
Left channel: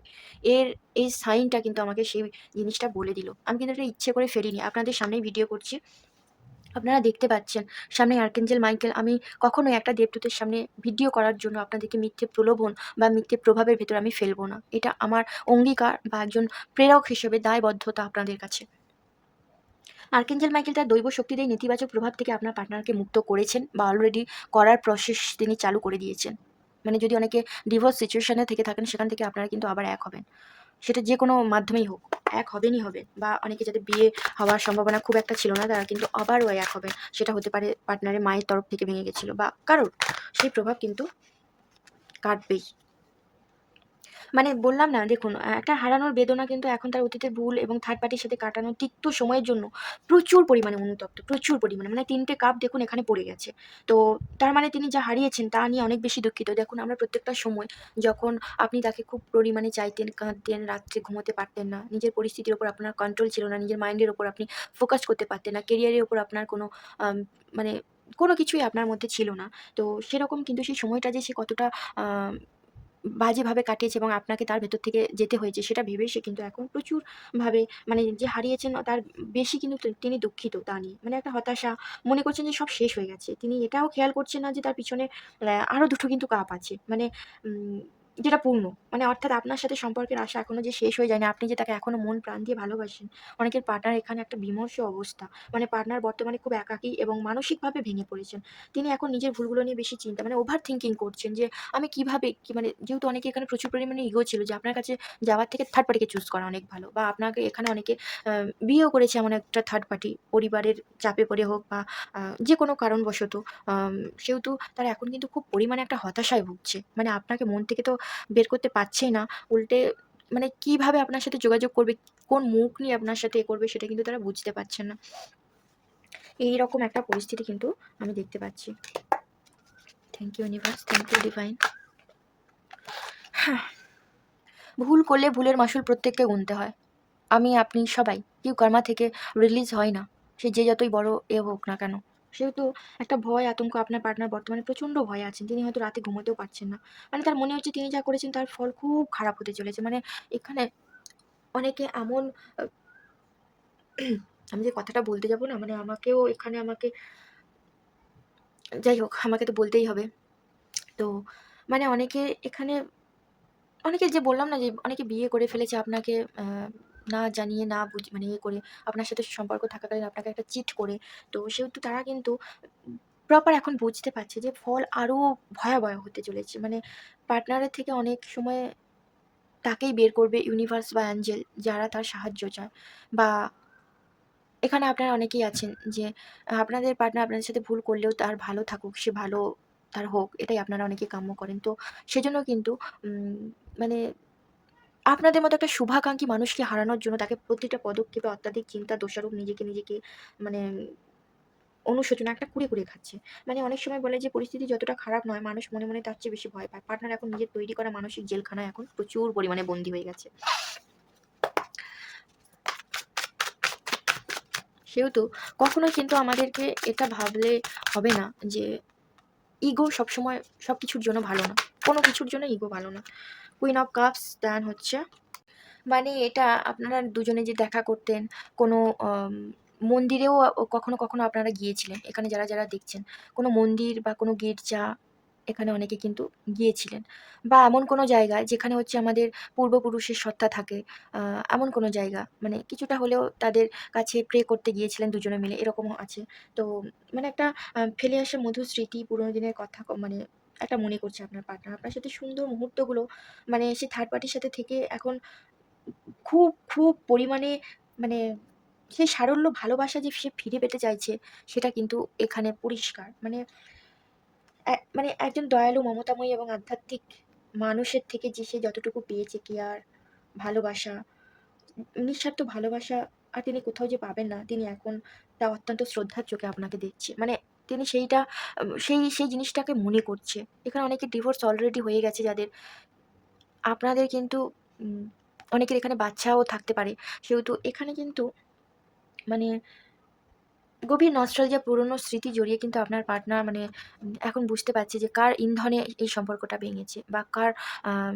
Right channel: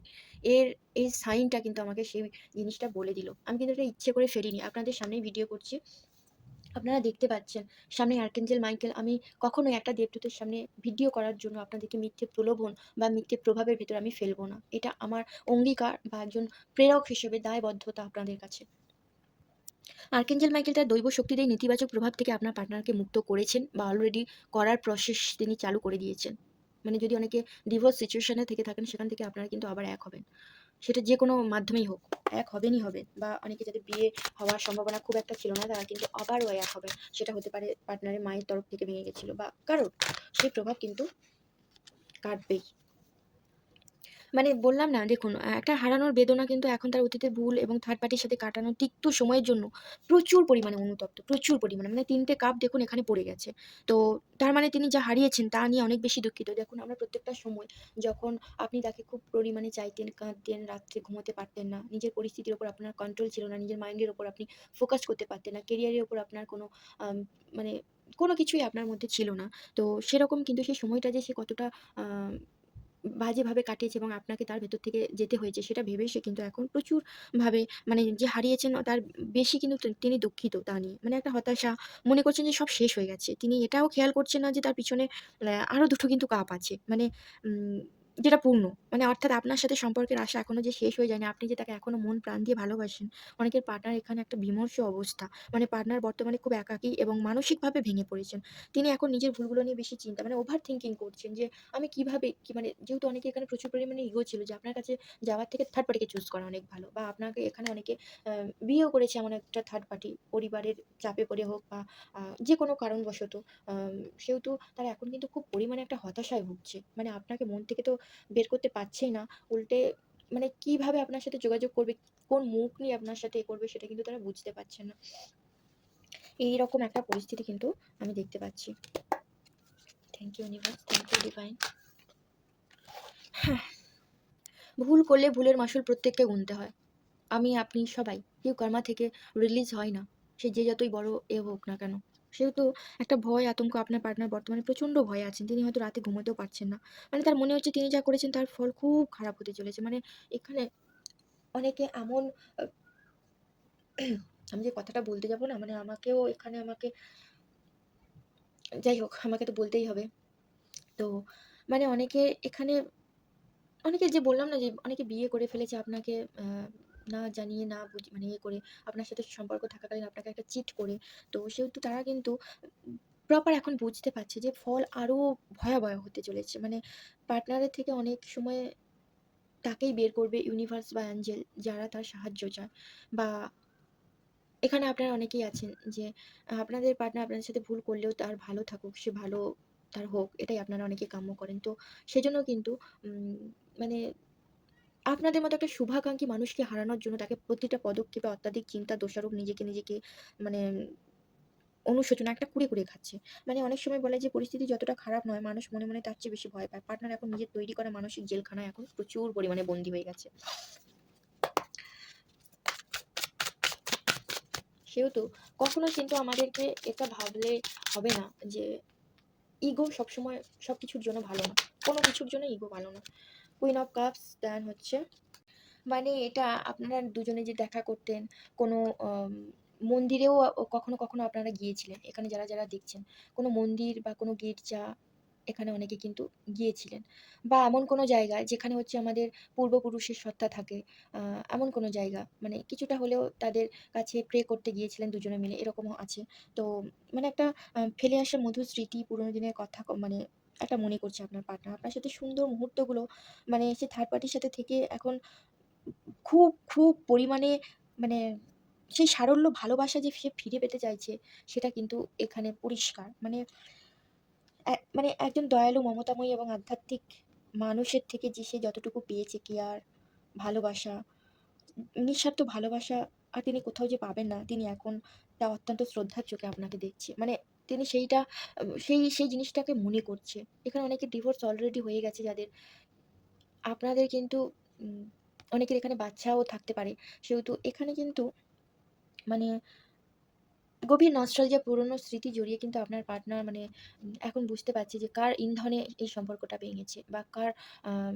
এর এই সাইনটা কিন্তু আমাকে সেই জিনিসটা বলে দিল। আমি কিন্তু এটা ইচ্ছে করে ফেলিনি। আপনাদের সামনেই ভিডিও করছি। আপনারা দেখতে পাচ্ছেন সামনে আর্কেঞ্জেল মাইকেল। আমি কখনোই একটা দেবদূতের সামনে ভিডিও করার জন্য আপনাদেরকে মিথ্যে প্রলোভন বা মিথ্যে প্রভাবের ভেতরে আমি ফেলবো না। এটা আমার অঙ্গীকার বা একজন প্রেরক হিসেবে দায়বদ্ধতা আপনাদের কাছে। আর্কেঞ্জেল মাইকেল তার দৈব শক্তি দিয়ে নেতিবাচক প্রভাব থেকে আপনার পার্টনারকে মুক্ত করেছেন বা অলরেডি করার প্রসেস তিনি চালু করে দিয়েছেন। মানে যদি অনেকে ডিভোর্স সিচুয়েশনে থেকে থাকেন সেখান থেকে আপনারা কিন্তু আবার এক হবেন। সেটা যে কোনো মাধ্যমেই হোক, এক হবেনই হবেন। বা অনেকে যাদের বিয়ে হওয়ার সম্ভাবনা খুব একটা ছিল না তারা কিন্তু আবারও এক হবেন। সেটা হতে পারে পার্টনারের মায়ের তরফ থেকে ভেঙে গেছিল বা কারোর। সেই প্রভাব কিন্তু কাটবেই। মানে বললাম না দেখুন একটা হারানোর বেদনা কিন্তু এখন তার অতীতের ভুল এবং থার্ড পার্টির সাথে কাটানো তিক্ত সময়ের জন্য প্রচুর পরিমাণে অনুতপ্ত, প্রচুর পরিমাণে। মানে ৩ টে কাপ দেখুন এখানে পড়ে গেছে। তো তার মানে তিনি যা হারিয়েছেন তা নিয়ে অনেক বেশি দুঃখিত। দেখুন আমরা প্রত্যেকটা সময় যখন আপনি তাকে খুব পরিমাণে চাইতেন, কাঁদতেন, রাত্রে ঘুমোতে পারতেন না। নিজের পরিস্থিতির উপর আপনার কন্ট্রোল ছিল না। নিজের মাইন্ডের উপর আপনি ফোকাস করতে পারতেন না। কেরিয়ারের উপর আপনার কোনো আম মানে কোনো কিছুই আপনার মধ্যে ছিল না। তো সেরকম কিন্তু সেই সময়টা যে সে কতটা আ বাজেভাবে কাটিয়েছে এবং আপনাকে তার ভেতর থেকে যেতে হয়েছে সেটা ভেবেই সে কিন্তু এখন প্রচুরভাবে মানে যে হারিয়েছেন তার বেশি কিন্তু তিনি দুঃখিত তা নিয়ে। মানে একটা হতাশা, মনে করছেন যে সব শেষ হয়ে গেছে। তিনি এটাও খেয়াল করছেন না যে তার পিছনে আরো ২ টো কিন্তু কাপ আছে। মানে উম যেটা পূর্ণ। মানে অর্থাৎ আপনার সাথে সম্পর্কের আশা এখনো যে শেষ হয়ে যায়নি। আপনি যে তাকে এখনো মন প্রাণ দিয়ে ভালোবাসেন। অনেকের পার্টনার এখানে একটা বিমর্ষ অবস্থা। মানে পার্টনার বর্তমানে খুব একাকী এবং মানসিকভাবে ভেঙে পড়েছেন। তিনি এখন নিজের ভুলগুলো নিয়ে বেশি চিন্তা মানে ওভার থিংকিং করছেন যে আমি কিভাবে কি মানে যেহেতু অনেকে এখানে প্রচুর পরিমাণে ইগো ছিল যে আপনার কাছে যাওয়ার থেকে থার্ড পার্টিকে চুজ করা অনেক ভালো বা আপনাকে এখানে অনেকে বিয়েও করেছে এমন একটা থার্ড পার্টি পরিবারের চাপে পড়ে হোক বা যে কোনো কারণবশত আম সেহেতু তারা এখন কিন্তু খুব পরিমাণে একটা হতাশায় ভুগছে। মানে আপনাকে মন থেকে তো বের করতে পারছেই না। উল্টে মানে কিভাবে আপনার সাথে যোগাযোগ করবে, কোন মুখ নিয়ে আপনার সাথে করবে সেটা কিন্তু তারা বুঝতে পারছেন না। এইরকম একটা পরিস্থিতি কিন্তু আমি দেখতে পাচ্ছি। Thank you universe, thank you divine. ভুল করলে ভুলের মাসুল প্রত্যেককে গুনতে হয়। আমি, আপনি সবাই। কেউ কর্মা থেকে রিলিজ হয় না। সে যে যতই বড় হোক না কেন। সেহেতু একটা ভয়, আতঙ্ক আপনার পার্টনার বর্তমানে প্রচণ্ড ভয়ে আছেন। তিনি হয়তো রাতে ঘুমোতেও পারছেন না। মানে তার মনে হচ্ছে তিনি যা করেছেন তার ফল খুব খারাপ হতে চলেছে। মানে এখানে অনেকে এমন আ আমি যে কথাটা বলতে যাব না মানে আমাকেও এখানে আমাকে যাই হোক আমাকে তো বলতেই হবে। তো মানে অনেকে এখানে অনেকে যে বললাম না যে অনেকে বিয়ে করে ফেলেছে আপনাকে না জানিয়ে না মানে ইয়ে করে আপনার সাথে সম্পর্ক থাকাকালীন আপনাকে একটা চিট করে। তো সেহেতু তারা কিন্তু প্রপার এখন বুঝতে পারছে যে ফল আরো ভয়াবহ হতে চলেছে। মানে পার্টনারের থেকে অনেক সময় তাকেই বের করবে ইউনিভার্স বা অ্যাঞ্জেল যারা তার সাহায্য চায়। বা এখানে আপনারা অনেকেই আছেন যে আপনাদের পার্টনার আপনাদের সাথে ভুল করলেও তার ভালো থাকুক, সে ভালো তার হোক এটাই আপনারা অনেকেই কাম্য করেন। তো সেজন্য কিন্তু উম মানে আপনাদের মতো একটা শুভাকাঙ্ক্ষী মানুষকে হারানোর জন্য তাকে প্রতিটা পদক্ষেপে অত্যাধিক চিন্তা, দোষারোপ নিজেকে মানে অনুশোচনা একটা কুরে খাচ্ছে। মানে অনেক সময় বলে যে পরিস্থিতি যতটা খারাপ নয়, মানুষ মনে, মনে তার চেয়ে বেশি ভয় পায়। পার্টনার এখন নিজের তৈরি করা মানসিক জেলখানায় এখন প্রচুর পরিমাণে বন্দী হয়ে গেছে। সেহেতু কখনোই কিন্তু আমাদেরকে এটা ভাবলে হবে না যে ইগো সবসময় সবকিছুর জন্য ভালো না। কোনো কিছুর জন্য ইগো ভালো না। কুইন অফ কাপস দেন হচ্ছে, মানে এটা আপনারা দুজনে যে দেখা করতেন, কোনো মন্দিরেও কখনো, কখনো আপনারা গিয়েছিলেন। এখানে যারা, যারা দেখছেন, কোনো মন্দির বা কোনো গির্জা, এখানে অনেকে কিন্তু গিয়েছিলেন। বা এমন কোনো জায়গায় যেখানে হচ্ছে আমাদের পূর্বপুরুষের সত্তা থাকে, আ এমন কোনো জায়গা, মানে কিছুটা হলেও তাদের কাছে প্রে করতে গিয়েছিলেন দুজনে মিলে, এরকমও আছে। তো মানে একটা ফেলে আসা মধুর স্মৃতি, পুরোনো দিনের কথা মানে একটা মনে করছে আপনার পার্টনার। আপনার সাথে সুন্দর মুহূর্তগুলো, মানে সে থার্ড পার্টির সাথে থেকে এখন খুব, খুব পরিমাণে, মানে সেই সারল্য ভালোবাসা যে সে ফিরে পেতে চাইছে, সেটা কিন্তু এখানে পরিষ্কার। মানে মানে একজন দয়ালু, মমতাময়ী এবং আধ্যাত্মিক মানুষের থেকে যে সে যতটুকু পেয়েছে কেয়ার, ভালোবাসা, নিঃস্বার্থ ভালোবাসা, আর তিনি কোথাও যে পাবেন না, তিনি এখন তা অত্যন্ত শ্রদ্ধার চোখে আপনাকে দেখছে। মানে তিনি সেইটা সেই জিনিসটাকে মনে করছে। এখানে অনেকের ডিভোর্স অলরেডি হয়ে গেছে যাদের। আপনাদের কিন্তু উম অনেকের এখানে বাচ্চাও থাকতে পারে। সেহেতু এখানে কিন্তু মানে গভীর নস্টালজিয়া, পুরনো স্মৃতি জড়িয়ে কিন্তু আপনার পার্টনার, মানে এখন বুঝতে পারছে যে কার ইন্ধনে এই সম্পর্কটা ভেঙেছে বা কার আম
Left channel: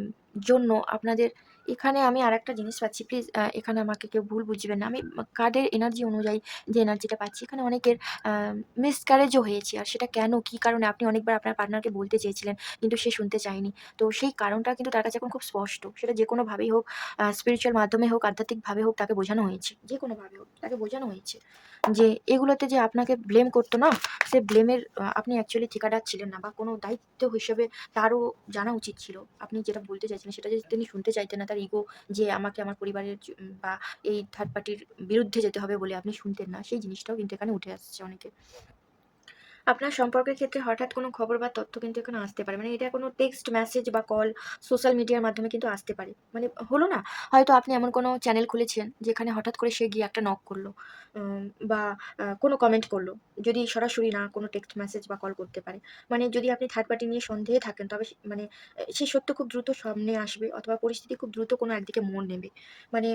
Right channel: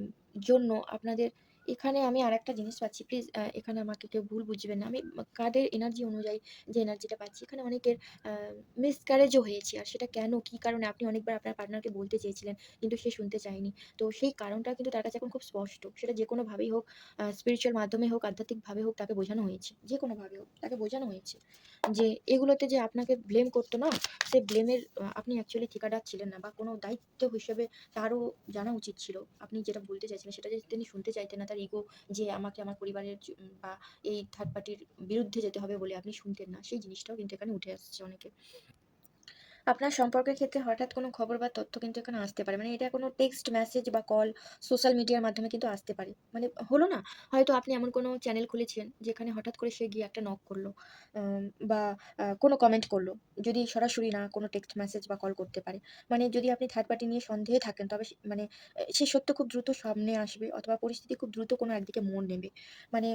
জন্য আপনাদের। এখানে আমি আরেকটা জিনিস পাচ্ছি, প্লিজ এখানে আমাকে কেউ ভুল বুঝবেন না। আমি কার্ডের এনার্জি অনুযায়ী যে এনার্জিটা পাচ্ছি, এখানে অনেকের আ মিসক্যারেজও হয়েছে। আর সেটা কেন, কি কারণে আপনি অনেকবার আপনার পার্টনারকে বলতে চেয়েছিলেন, কিন্তু সে শুনতে চায়নি। তো সেই কারণটা কিন্তু তার কাছে এখন খুব স্পষ্ট। সেটা যেকোনোভাবেই হোক, স্পিরিচুয়াল মাধ্যমে হোক, আধ্যাত্মিকভাবে হোক, তাকে বোঝানো হয়েছে। যেকোনোভাবে হোক, তাকে বোঝানো হয়েছে। যে এগুলোতে যে আপনাকে ব্লেম করতো না, সে ব্লেমের আপনি অ্যাকচুয়ালি ঠিকাদার ছিলেন না, বা কোনো দায়িত্ব হিসেবে তারও জানা উচিত ছিল। আপনি যেটা বলতে চাইছিলেন সেটা যদি তিনি শুনতে চাইতেন না, তার ইগো যে আমাকে আমার পরিবারের বা এই থার্ড পার্টির বিরুদ্ধে যেতে হবে বলে আপনি শুনতেন না, সেই জিনিসটাও কিন্তু এখানে উঠে আসছে অনেকের। আপনার সম্পর্কের ক্ষেত্রে হঠাৎ কোনো খবর বা তথ্য কিন্তু এখানে আসতে পারে। মানে এটা কোনো টেক্সট মেসেজ বা কল, সোশ্যাল মিডিয়ার মাধ্যমে কিন্তু আসতে পারে। মানে হলো না? হয়তো আপনি এমন কোনো চ্যানেল খুলেছেন যেখানে হঠাৎ করে সে গিয়ে একটা নক করলো। বা কোনো কমেন্ট করলো। যদি সরাসরি না, কোনো টেক্সট মেসেজ বা কল করতে পারে। মানে যদি আপনি থার্ড পার্টি নিয়ে সন্দেহে থাকেন, তবে মানে সে সত্য খুব দ্রুত সামনে আসবে, অথবা পরিস্থিতি খুব দ্রুত কোনো একদিকে মোড় নেবে। মানে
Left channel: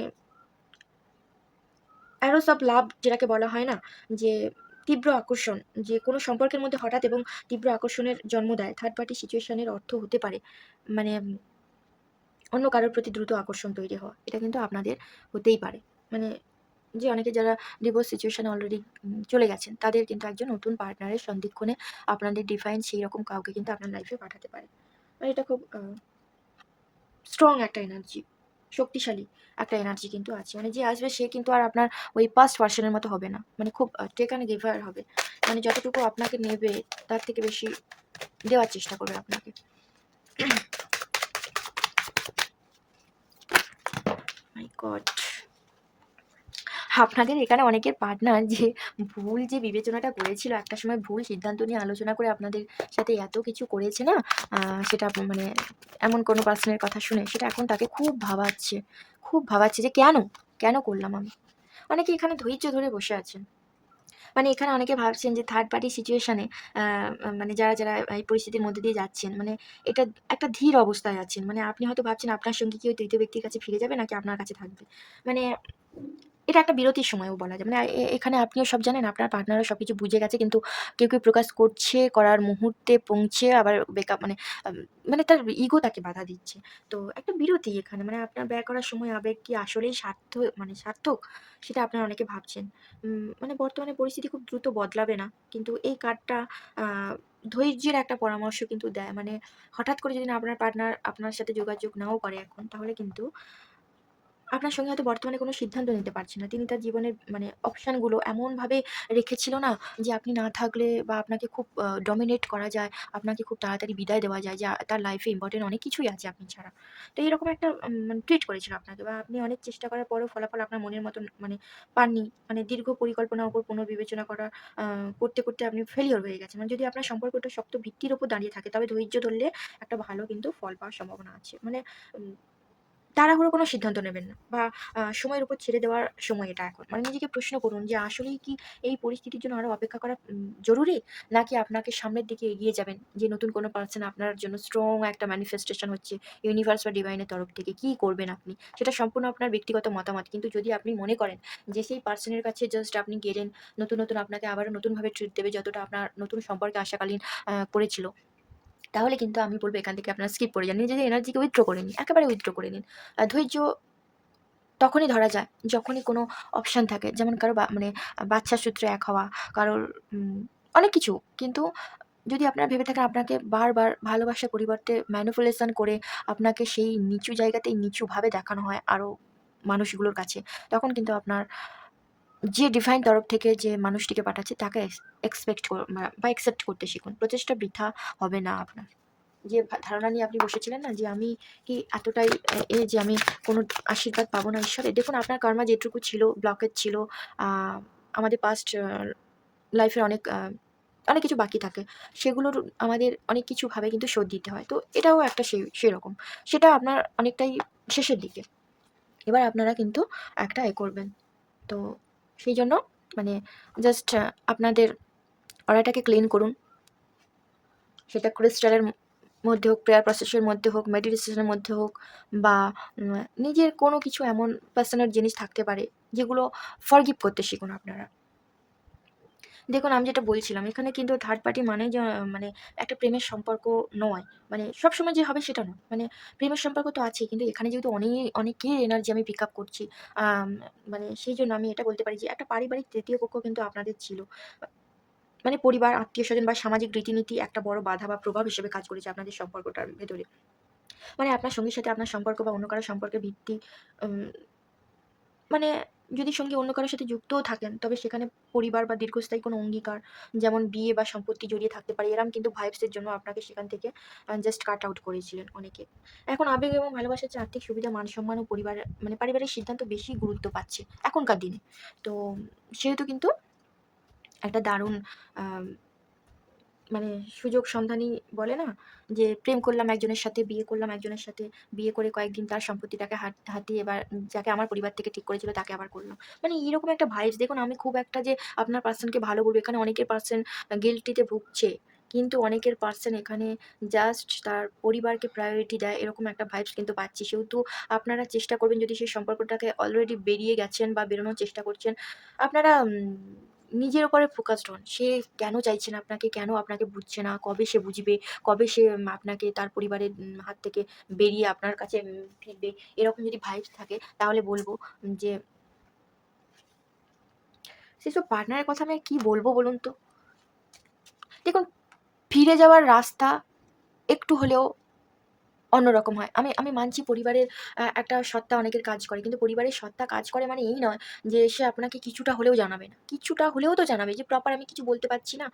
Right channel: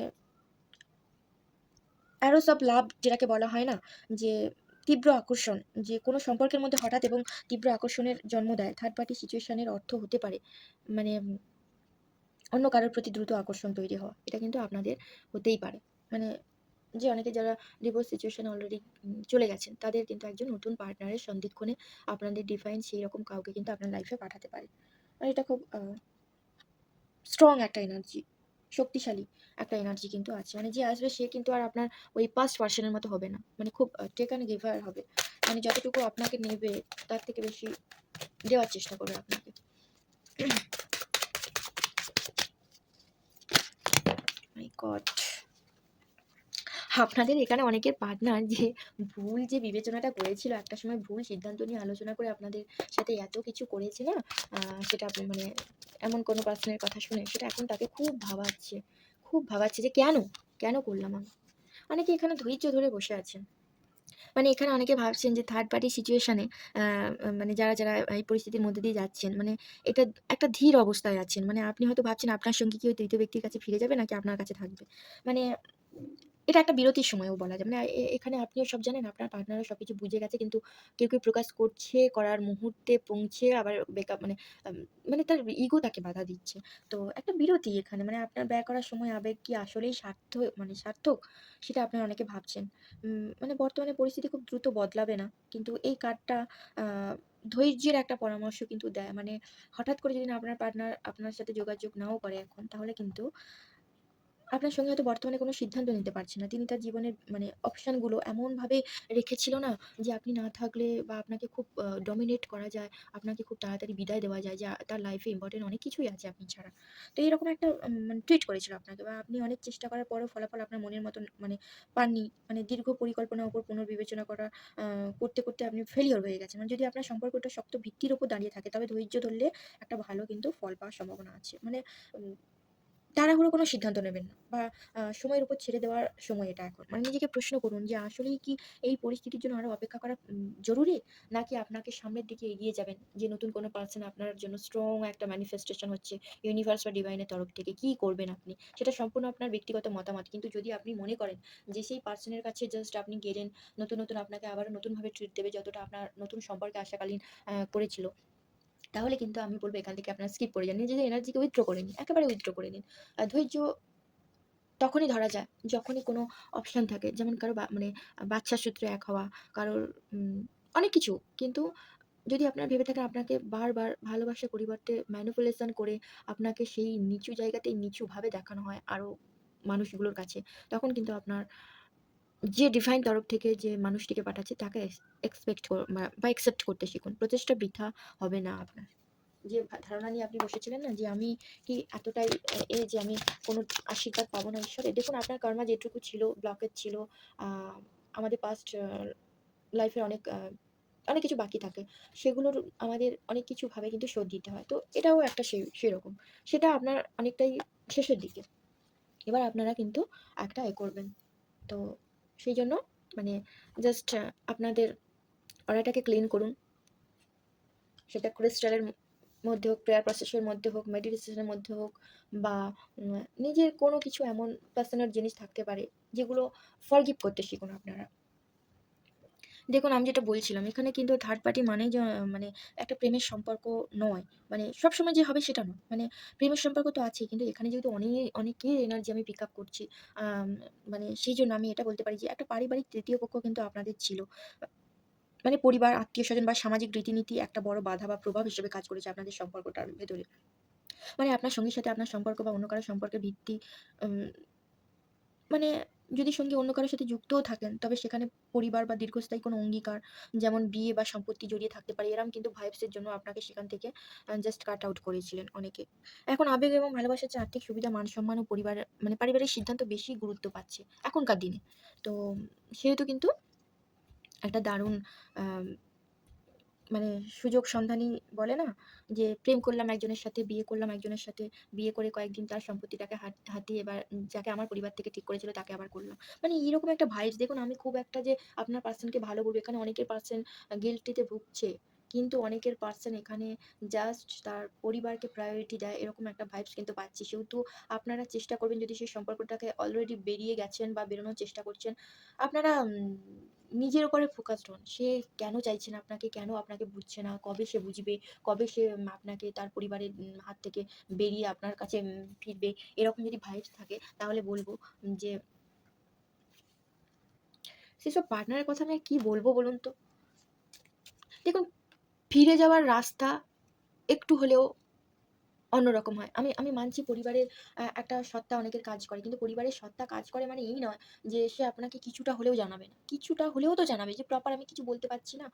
অ্যারোস অফ লাভ যেটাকে বলা হয় না? যে তীব্র আকর্ষণ, যে কোনো সম্পর্কের মধ্যে হঠাৎ এবং তীব্র আকর্ষণের জন্ম দেয়। থার্ড পার্টি সিচুয়েশন এর অর্থ হতে পারে মানে অন্য কারোর প্রতি দ্রুত আকর্ষণ তৈরি হওয়া। এটা কিন্তু আপনাদের হতেই পারে। মানে যে অনেকে যারা ডিভোর্স সিচুয়েশন এ অলরেডি চলে গেছেন, তাদের কিন্তু একজন নতুন পার্টনারের সন্ধিক্ষণে আপনাদের ডিভাইন সেইরকম কাউকে কিন্তু আপনার লাইফে পাঠাতে পারে। মানে এটা খুব স্ট্রং একটা এনার্জি, শক্তিশালী একটা এনার্জি কিন্তু আছে। মানে যে আসবে সে কিন্তু আর আপনার ওই পাস্ট ভার্সন এর মতো হবে না। মানে খুব টেক অ্যান্ড গিভার হবে। মানে যতটুকু আপনাকে নেবে তার থেকে বেশি দেওয়ার চেষ্টা করবে আপনাকে। মাই গড! আপনাদের এখানে অনেকের পার্টনার যে ভুল যে বিবেচনাটা করেছিল, একটা সময় ভুল সিদ্ধান্ত নিয়ে আলোচনা করে আপনাদের সাথে এত কিছু করেছে না, সেটা মানে এমন কোনো পার্সনের কথা শুনে সেটা এখন তাকে খুব ভাবাচ্ছে। খুব ভাবাচ্ছে যে কেন? কেন করলাম আমি? অনেকে এখানে ধৈর্য ধরে বসে আছেন। মানে এখানে অনেকে ভাবছেন যে থার্ড পার্টি সিচুয়েশন এ আ মানে যারা, যারা এই পরিস্থিতির মধ্যে দিয়ে যাচ্ছেন, মানে এটা একটা ধীর অবস্থায় আছেন। মানে আপনি হয়তো ভাবছেন আপনার সঙ্গী কি ওই ৩য় ব্যক্তির কাছে ফিরে যাবে নাকি আপনার কাছে থাকবে। মানে এটা একটা বিরতির সময়ও বলা যায়। মানে এখানে আপনিও সব জানেন, আপনার পার্টনারও সবকিছু বুঝে গেছে। কিন্তু কেউ, কেউ প্রকাশ করছে, করার মুহূর্তে পৌঁছে আবার বেকআপ, মানে আম মানে তার ইগো তাকে বাধা দিচ্ছে। তো একটা বিরতি এখানে। মানে আপনার ব্যয় করার সময় আবেগ কি আসলেই মানে সার্থক? সেটা আপনারা অনেকে ভাবছেন। মানে বর্তমানে পরিস্থিতি খুব দ্রুত বদলাবে না। কিন্তু এই কার্ডটা আ ধৈর্যের একটা পরামর্শ কিন্তু দেয়। মানে হঠাৎ করে যদি না আপনার পার্টনার আপনার সাথে যোগাযোগ নাও করে এখন, তাহলে কিন্তু আপনার সঙ্গে হয়তো বর্তমানে কোনো সিদ্ধান্ত নিতে পারছে না। তিনি তার জীবনের মানে অপশন গুলো এমনভাবে রেখেছিল না, যে আপনি না থাকলে বা আপনাকে খুব ডমিনেট করা যায়, আপনাকে খুব তাড়াতাড়ি বিদায় দেওয়া যায়, যে তার লাইফে ইম্পোর্টেন্ট অনেক কিছুই আছে আপনি ছাড়া। তো এরকম একটা মানে ট্রিট করেছিল আপনাকে, বা আপনি অনেক চেষ্টা করার পরেও ফলাফল আপনার মনের মতন মানে পাননি। মানে দীর্ঘ পরিকল্পনার উপর পুনর্বিবেচনা আ করতে, করতে আপনি ফেইলিউর হয়ে গেছেন। মানে যদি আপনার সম্পর্কটা শক্ত ভিত্তির উপর দাঁড়িয়ে থাকে, তবে ধৈর্য ধরলে একটা ভালো কিন্তু ফল পাওয়ার সম্ভাবনা আছে। মানে উম তাড়াহুড়ো কোনো সিদ্ধান্ত নেবেন না, বা সময়ের উপর ছেড়ে দেওয়ার সময় এটা এখন। মানে নিজেকে প্রশ্ন করুন যে আসলেই কি এই পরিস্থিতির জন্য আরো অপেক্ষা করা জরুরি? নাকি আপনাকে সামনের দিকে এগিয়ে যাবেন, যে নতুন কোনো পারসন আপনার জন্য স্ট্রং একটা ম্যানিফেস্টেশন হচ্ছে ইউনিভার্স বা ডিভাইনের তরফ থেকে। কি করবেন আপনি? সেটা সম্পূর্ণ আপনার ব্যক্তিগত মতামত। কিন্তু যদি আপনি মনে করেন যে সেই পারসনের কাছে জাস্ট আপনি গেলেন, নতুন আপনাকে আবারও নতুনভাবে ট্রিট দেবে যতটা আপনার নতুন সম্পর্কে আসাকালীন করেছিল, তাহলে কিন্তু আমি বলব এখান থেকে আপনারা স্কিপ করে যান। নিজেদের এনার্জিকে উইথড্র করে নিন। একেবারে উইথড্র করে নিন। ধৈর্য তখনই ধরা যায় যখনই কোনো অপশন থাকে। যেমন কারো মানে বাচ্চা সূত্রে এক হওয়া, কারোর অনেক কিছু। কিন্তু যদি আপনারা ভেবে থাকেন আপনাকে বারবার ভালোবাসার পরিবর্তে ম্যানিপুলেশন করে আপনাকে সেই নিচু জায়গাতেই নিচুভাবে দেখানো হয় আরো মানুষগুলোর কাছে, তখন কিন্তু আপনার যে ডিভাইন তরফ থেকে যে মানুষটিকে পাঠাচ্ছে তাকে এক্সপেক্ট বা অ্যাকসেপ্ট করতে শিখুন। প্রচেষ্টা বৃথা হবে না আপনার। যে ধারণা নিয়ে আপনি বসেছিলেন না যে আমি কি এতটাই যে আমি কোনো আশীর্বাদ পাবো না ঈশ্বরের। দেখুন আপনার কর্মা যেটুকু ছিল, ব্লকেজ ছিল, আমাদের পাস্ট লাইফে অনেক কিছু বাকি থাকে। সেগুলোর আমাদের অনেক কিছুভাবে কিন্তু শোধ দিতে হয়। তো এটাও একটা সেরকম। সেটা আপনার অনেকটাই শেষের দিকে। এবার আপনারা কিন্তু একটা করবেন। তো সেই জন্য মানে জাস্ট আপনাদের অরাটাকে ক্লিন করুন। সেটা ক্রিস্টালের মধ্যে হোক, প্রেয়ার প্রসেসের মধ্যে হোক, মেডিটেশনের মধ্যে হোক, বা নিজের কোনো কিছু এমন পার্সোনাল জিনিস থাকতে পারে যেগুলো ফরগিভ করতে শিখুন আপনারা। দেখুন আমি যেটা বলছিলাম এখানে কিন্তু থার্ড পার্টি মানে যে মানে একটা প্রেমের সম্পর্ক নয়। মানে সবসময় যে হবে সেটা নয়। মানে প্রেমের সম্পর্ক তো আছেই, কিন্তু এখানে যেহেতু অনেকের এনার্জি আমি পিক আপ করছি, আম মানে সেইজন্য আমি এটা বলতে পারি যে একটা পারিবারিক তৃতীয় পক্ষ কিন্তু আপনাদের ছিল। মানে পরিবার, আত্মীয়স্বজন বা সামাজিক রীতিনীতি একটা বড় বাধা বা প্রভাব হিসেবে কাজ করেছে আপনাদের সম্পর্কটার ভেতরে। মানে আপনার সঙ্গীর সাথে আপনার সম্পর্ক বা অন্য কারো সম্পর্কের ভিত্তি, উম মানে যদি সঙ্গী অন্য কারো সাথে যুক্তও থাকেন, তবে সেখানে পরিবার বা দীর্ঘস্থায়ী কোনো অঙ্গীকার, যেমন বিয়ে বা সম্পত্তি জড়িয়ে থাকতে পারে। এরকম কিন্তু ভাইবস এর জন্য আপনাকে সেখান থেকে জাস্ট কাট আউট করেছিলেন অনেকে। এখন আবেগ এবং ভালোবাসার চেয়ে আর্থিক সুবিধা, মান-সম্মান ও মানে পারিবারিক সিদ্ধান্ত বেশি গুরুত্ব পাচ্ছে এখনকার দিনে। তো সেহেতু কিন্তু একটা দারুণ আম মানে সুযোগ সন্ধানী বলে না? যে প্রেম করলাম একজনের সাথে, বিয়ে করলাম একজনের সাথে, বিয়ে করে কয়েকদিন তার সম্পত্তিটাকে হাতিয়ে এবার যাকে আমার পরিবার থেকে ঠিক করেছিল তাকে আবার করলাম। মানে এরকম একটা ভাইবস, দেখুন আমি খুব একটা যে আপনার পার্সনকে ভালো বলব, এখানে অনেকের পার্সন গিল্টিতে ভুগছে। কিন্তু অনেকের পার্সন এখানে জাস্ট তার পরিবারকে প্রায়োরিটি দেয়, এরকম একটা ভাইবস কিন্তু পাচ্ছি। সেহেতু আপনারা চেষ্টা করবেন, যদি সেই সম্পর্কটাকে অলরেডি বেরিয়ে গেছেন বা বেরোনোর চেষ্টা করছেন, আপনারা নিজের উপরে ফোকাসড হন। সে কেন চাইছে না আপনাকে, কেন আপনাকে বুঝছে না, কবে সে বুঝবে, কবে সে আপনাকে তার পরিবারের হাত থেকে বেরিয়ে আপনার কাছে ফিরবে। এরকম যদি ভাইবস থাকে তাহলে বলব যে সেসব পার্টনারের কথা আমি আর কি বলব বলুন তো? দেখুন, ফিরে যাওয়ার রাস্তা একটু হলেও অন্যরকম হয়। আমি আমি মানছি পরিবারের একটা সত্তা অনেকের কাজ করে। কিন্তু পরিবারের সত্তা কাজ করে মানে এই নয় যে সে আপনাকে কিছুটা হলেও জানাবে না। কিছুটা হলেও তো জানাবে যে প্রপার আমি কিছু বলতে পারছি না।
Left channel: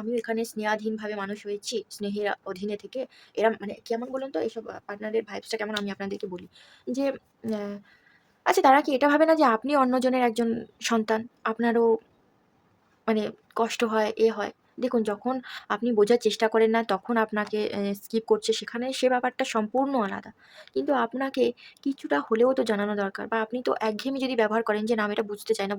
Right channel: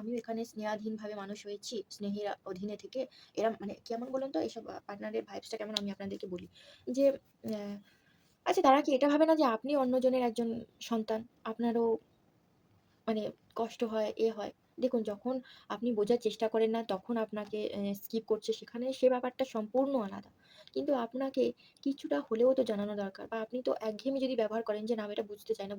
আমিও এখানে স্নেহাধীনভাবে মানুষ হয়েছি, স্নেহের অধীনে থেকে। এরা মানে কেমন বলুন তো এসব পার্টনারের ভাইবসটা কেমন আমি আপনাদেরকে বলি। যে আ আচ্ছা তারা কি এটা ভাবে না যে আপনি অন্যজনের একজন সন্তান? আপনারও মানে কষ্ট হয়, হয়। দেখুন যখন আপনি বোঝার চেষ্টা করেন না তখন আপনাকে স্কিপ করছে, সেখানে সে ব্যাপারটা সম্পূর্ণ আলাদা। কিন্তু আপনাকে কিছুটা হলেও তো জানানো দরকার, বা আপনি তো একঘেয়েমি যদি ব্যবহার করেন যে, "না আমি এটা বুঝতে চাই না,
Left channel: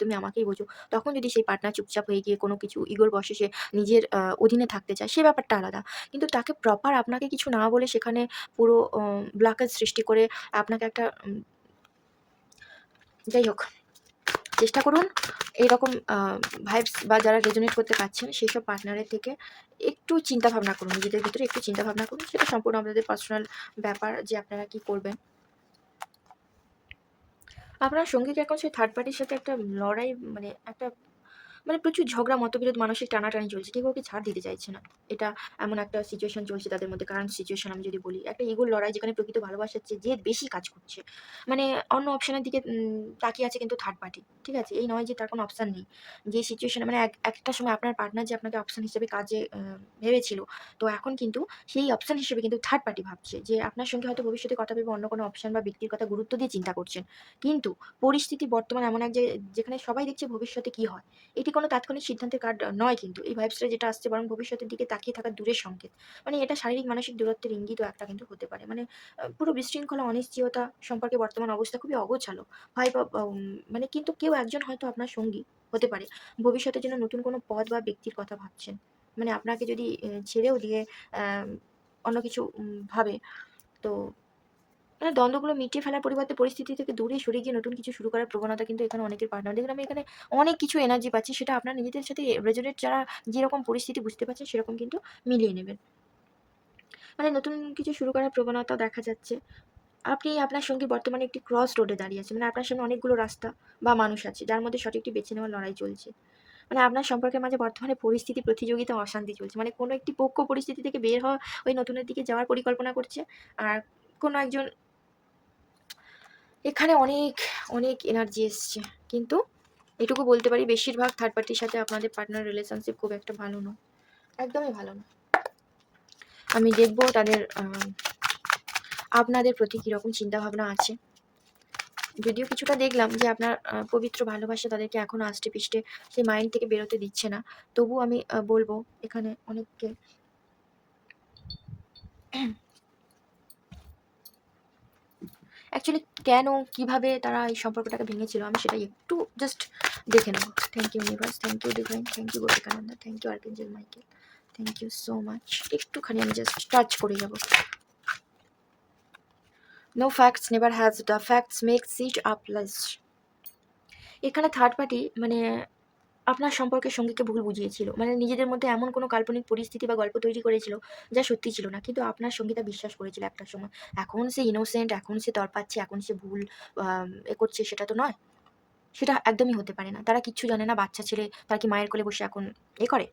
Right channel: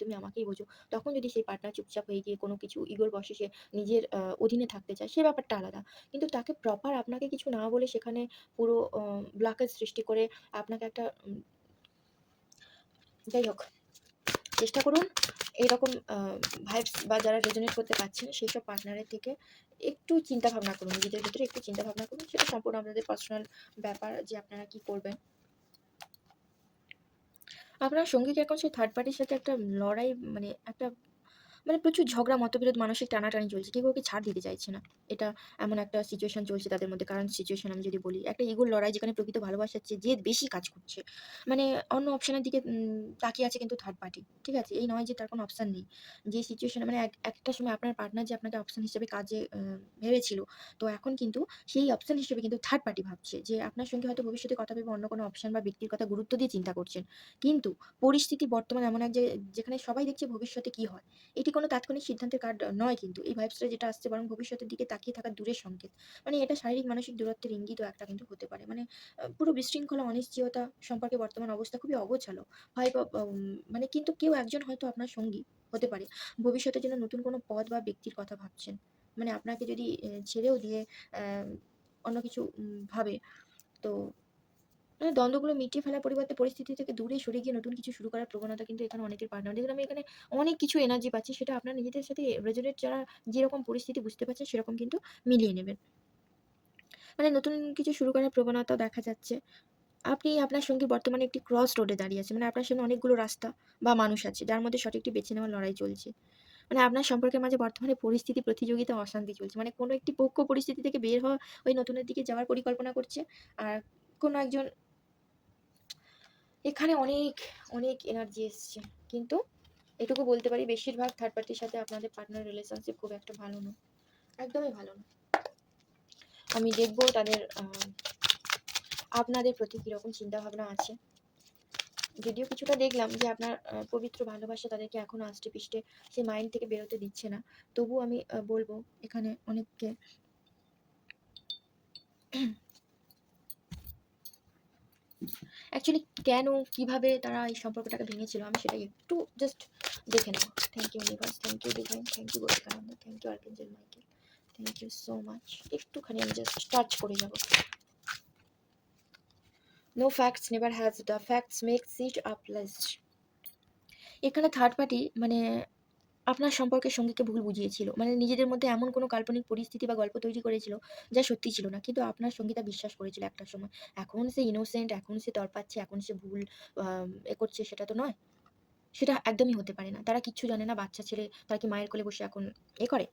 তুমি আমাকেই বোঝো।" তখন যদি সেই পার্টনার চুপচাপ হয়ে গিয়ে কোনো কিছু ইগোর বশে সে নিজের অধীনে থাকতে চায়, সে ব্যাপারটা আলাদা। কিন্তু তাকে প্রপার আপনাকে কিছু না বলে সেখানে পুরো ব্লকেজ সৃষ্টি করে আপনাকে একটা যাই হোক চেষ্টা করুন এইরকম ভাইবস বা যারা রেজোনেট করতে পারছেন সেইসব পার্টনারের থেকে একটু চিন্তা ভাবনা করুন। নিজেদের ভিতরে একটু চিন্তা ভাবনা করুন। সেটা সম্পূর্ণ আপনাদের পার্সোনাল ব্যাপার যে আপনারা কি করবেন। আপনার সঙ্গী কি এখন সেই থার্ড পার্টির সাথে একটা লড়াই, মানে একটা মানে প্রচুর ঝগড়া, মতবিরোধ, মানসিক টানাটানি চলছে। কেউ কাউকে ছাড় দিতে চাইছে না। এটা এমন একটা সিচুয়েশন চলছে তাদের মধ্যে। কারেন্ট সিচুয়েশন আমি যদি বলি। একটা ইগোর লড়াই, যেখানে প্রকৃত ভালোবাসার চেয়ে জেদ বেশি কাজ করছে। মানে অন্য অপশনের দিকে তাকিয়ে আছে কিন্তু থার্ড পার্টি। ঠিক আছে? এই নয় যে তার কোনো অপশন নেই। যে সিচুয়েশন মানে একটা সময় আপনার পার্টনার যে আপনাকে অপশন হিসেবে কাজে ভেবেছিল। তো এখন কিন্তু সেই অপশন হিসেবে কিন্তু থার্ড পার্টি ভাবছে। যে আপনার সঙ্গে হয়তো ভবিষ্যতে কথা ভেবে অন্য কোনো অপশন বা ব্যক্তির কথা গুরুত্ব দিয়ে চিন্তা করছেন। কিন্তু পরিস্থিতি বর্তমানে এমন এক যেখানে সবাই দেখছে ভবিষ্যতে কি হয়। এটি কোনো তাৎক্ষণিক সিদ্ধান্তের কার্ড নয় কিন্তু। এই ভাইবসটা যেটা আসছে বরং ভবিষ্যতের দিকে তাকিয়ে থাকা দূরের সংকেত। মানে এটা শারীরিক মানসিক দূরত্বের ইঙ্গিতও একটা কিন্তু হতে পারে। মানে পুরো বিশৃঙ্খলা, অনিশ্চয়তা সম্পর্কে বর্তমান অবস্থা খুবই অগোছালো। হয় বা মানে কিন্তু কেউ একজন হয়তো আপনার সঙ্গী হতে পারে। ভবিষ্যতের জন্য নতুন কোনো পথ বা ব্যক্তির কথা ভাবছেন। মানে আপনাকে যদি ছেড়েও দিয়ে অ্যা অন্য কিছু ভাবে, তো মানে দ্বন্দ্বগুলো মিটিয়ে ফেলার পরিবর্তে পরিস্থিতি থেকে দূরে সরে গিয়ে নতুন কিছু শুরু করার প্রবণতা কিন্তু এখানে অনেকের পার্টনার। দেখুন আমি এখানে অনেক কিছু এনার্জি পাচ্ছি, সেটা আপনার নিজেদের সাথে রেজোনেট, যারা যেরকম পরিস্থিতি বুঝতে পারছেন সেরকম কিন্তু মিলিয়ে নেবেন। মানে নতুন কিছু শুরু করার প্রবণতা দেখা যাচ্ছে। আপনি আপনার সঙ্গে বর্তমানে একটি ক্রস রোডে দাঁড়িয়ে আছেন। মানে আপনার সামনে অনেকগুলো রাস্তা বা মানুষ আছে, যার মধ্যে সঠিকটি বেছে নেওয়ার লড়াই চলছে। মানে আপনার সম্পর্কের মাঝে বর্তমানে পরিস্থিতি, প্রতিযোগিতা, অশান্তি চলছে। মানে কোনো একটি পক্ষ পরিস্থিতি থেকে বের হওয়া, ওই নতুনের দিকে যাওয়ার পরিকল্পনা করছে। আর কোনো একজন, এখানে অনেক, অনেক এনার্জি এসছে। কিন্তু এটুকু বলতে পারি, বেশিরভাগ থার্ড পার্টির সাথে আপনাদের পার্টনার রিলেশনশিপ খুব একটা ভালো না। একদমই ভালো না। আমি দেখব তাদের আপনাদের প্রতি কিরকম চিন্তাভাবনা আছে। যদিও কিছুটা দেখলাম যে আপনার পবিত্র ভালোবাসা তাদেরকে এখনো আষ্টে-পৃষ্ঠে সেই মাইন্ড থেকে বেরোতে দিচ্ছে না। তবুও আমি বলব এখানে অনেককে অ্যাকচুয়ালি কেন, কিভাবে তারা এই সম্পর্কটাকে ভেঙেছিল আমি সেটাই একটু জাস্ট দেখে নেব। Thank you universe, thank you divine, thank you Gopikananda, thank you archangel Michael, thank you so much. একটুখানি আমি জাস্ট টাচ করে যাব। No facts never has, the facts makes it up less. এখানে থার্ড পার্টি মানে আপনার সম্পর্কে সঙ্গীকে ভুল বুঝিয়েছিল। মানে নিজেদের মধ্যে এমন কোনো কাল্পনিক পরিস্থিতি বা গল্প তৈরি করেছিল যা সত্যি ছিল না। কিন্তু আপনার সঙ্গী তা বিশ্বাস করেছিল একটা সময়। এখন সে ইনোসেন্ট, এখন সে তড়পাচ্ছে, এখন সে ভুল করছে, সেটা তো নয়। সেটা একদমই হতে পারে না। তারা কিচ্ছু জানে না, বাচ্চা ছেলে, তারা কি মায়ের কোলে বসে এখন করে?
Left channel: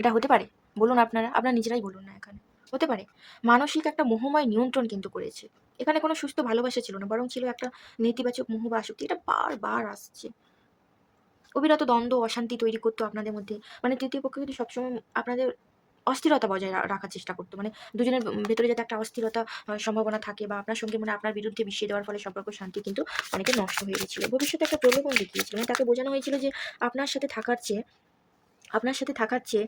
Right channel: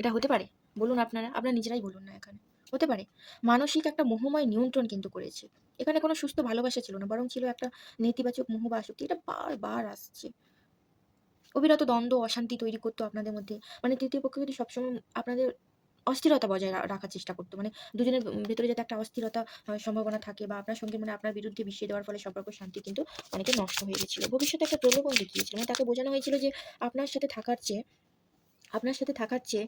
এটা হতে পারে? বলুন আপনারা, আপনারা নিজেরাই বলুন না এখানে। হতে পারে? মানসিক একটা মোহময় নিয়ন্ত্রণ কিন্তু করেছে। এখানে কোনো সুস্থ ভালোবাসা ছিল না। বরং ছিল একটা নেতিবাচক মোহ বা আসক্তি। এটা বারবার আসছে। অবিরত দ্বন্দ্ব, অশান্তি তৈরি করতো আপনাদের মধ্যে। মানে তৃতীয় পক্ষ কিন্তু সবসময় আপনাদের অস্থিরতা বজায় রাখার চেষ্টা করতো। মানে দুজনের ভেতরে যাতে একটা অস্থিরতা সম্ভাবনা থাকে, বা আপনার সঙ্গে মানে আপনার বিরুদ্ধে মিশিয়ে দেওয়ার ফলে সম্পর্ক শান্তি কিন্তু অনেকের নষ্ট হয়ে গেছিল। ভবিষ্যতে একটা প্রলোভন দেখিয়েছিল। মানে তাকে বোঝানো হয়েছিল যে আপনার সাথে থাকার চেয়ে আপনার সাথে থাকার চেয়ে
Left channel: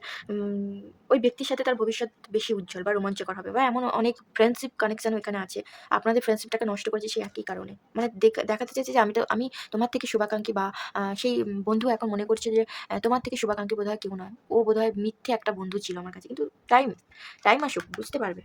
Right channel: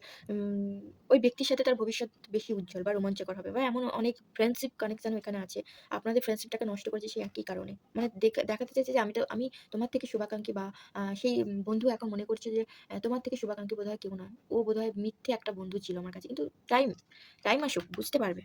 ওই ব্যক্তির সাথে তার ভবিষ্যৎ বেশি উজ্জ্বল বা রোমাঞ্চকর হবে, বা এমন অনেক ফ্রেন্ডশিপ কানেকশন এখানে আছে। আপনাদের ফ্রেন্ডশিপটাকে নষ্ট করেছে সেই একই কারণে। মানে দেখাতে চেয়েছে যে আমি তোমার থেকে শুভাকাঙ্ক্ষী, বা সেই বন্ধু এখন মনে করছে যে তোমার থেকে শুভাকাঙ্ক্ষী বোধহয় কেউ নয়। ও বোধহয় মিথ্যে একটা বন্ধু ছিল আমার কাছে। কিন্তু টাইম টাইম আসুক, বুঝতে পারবে।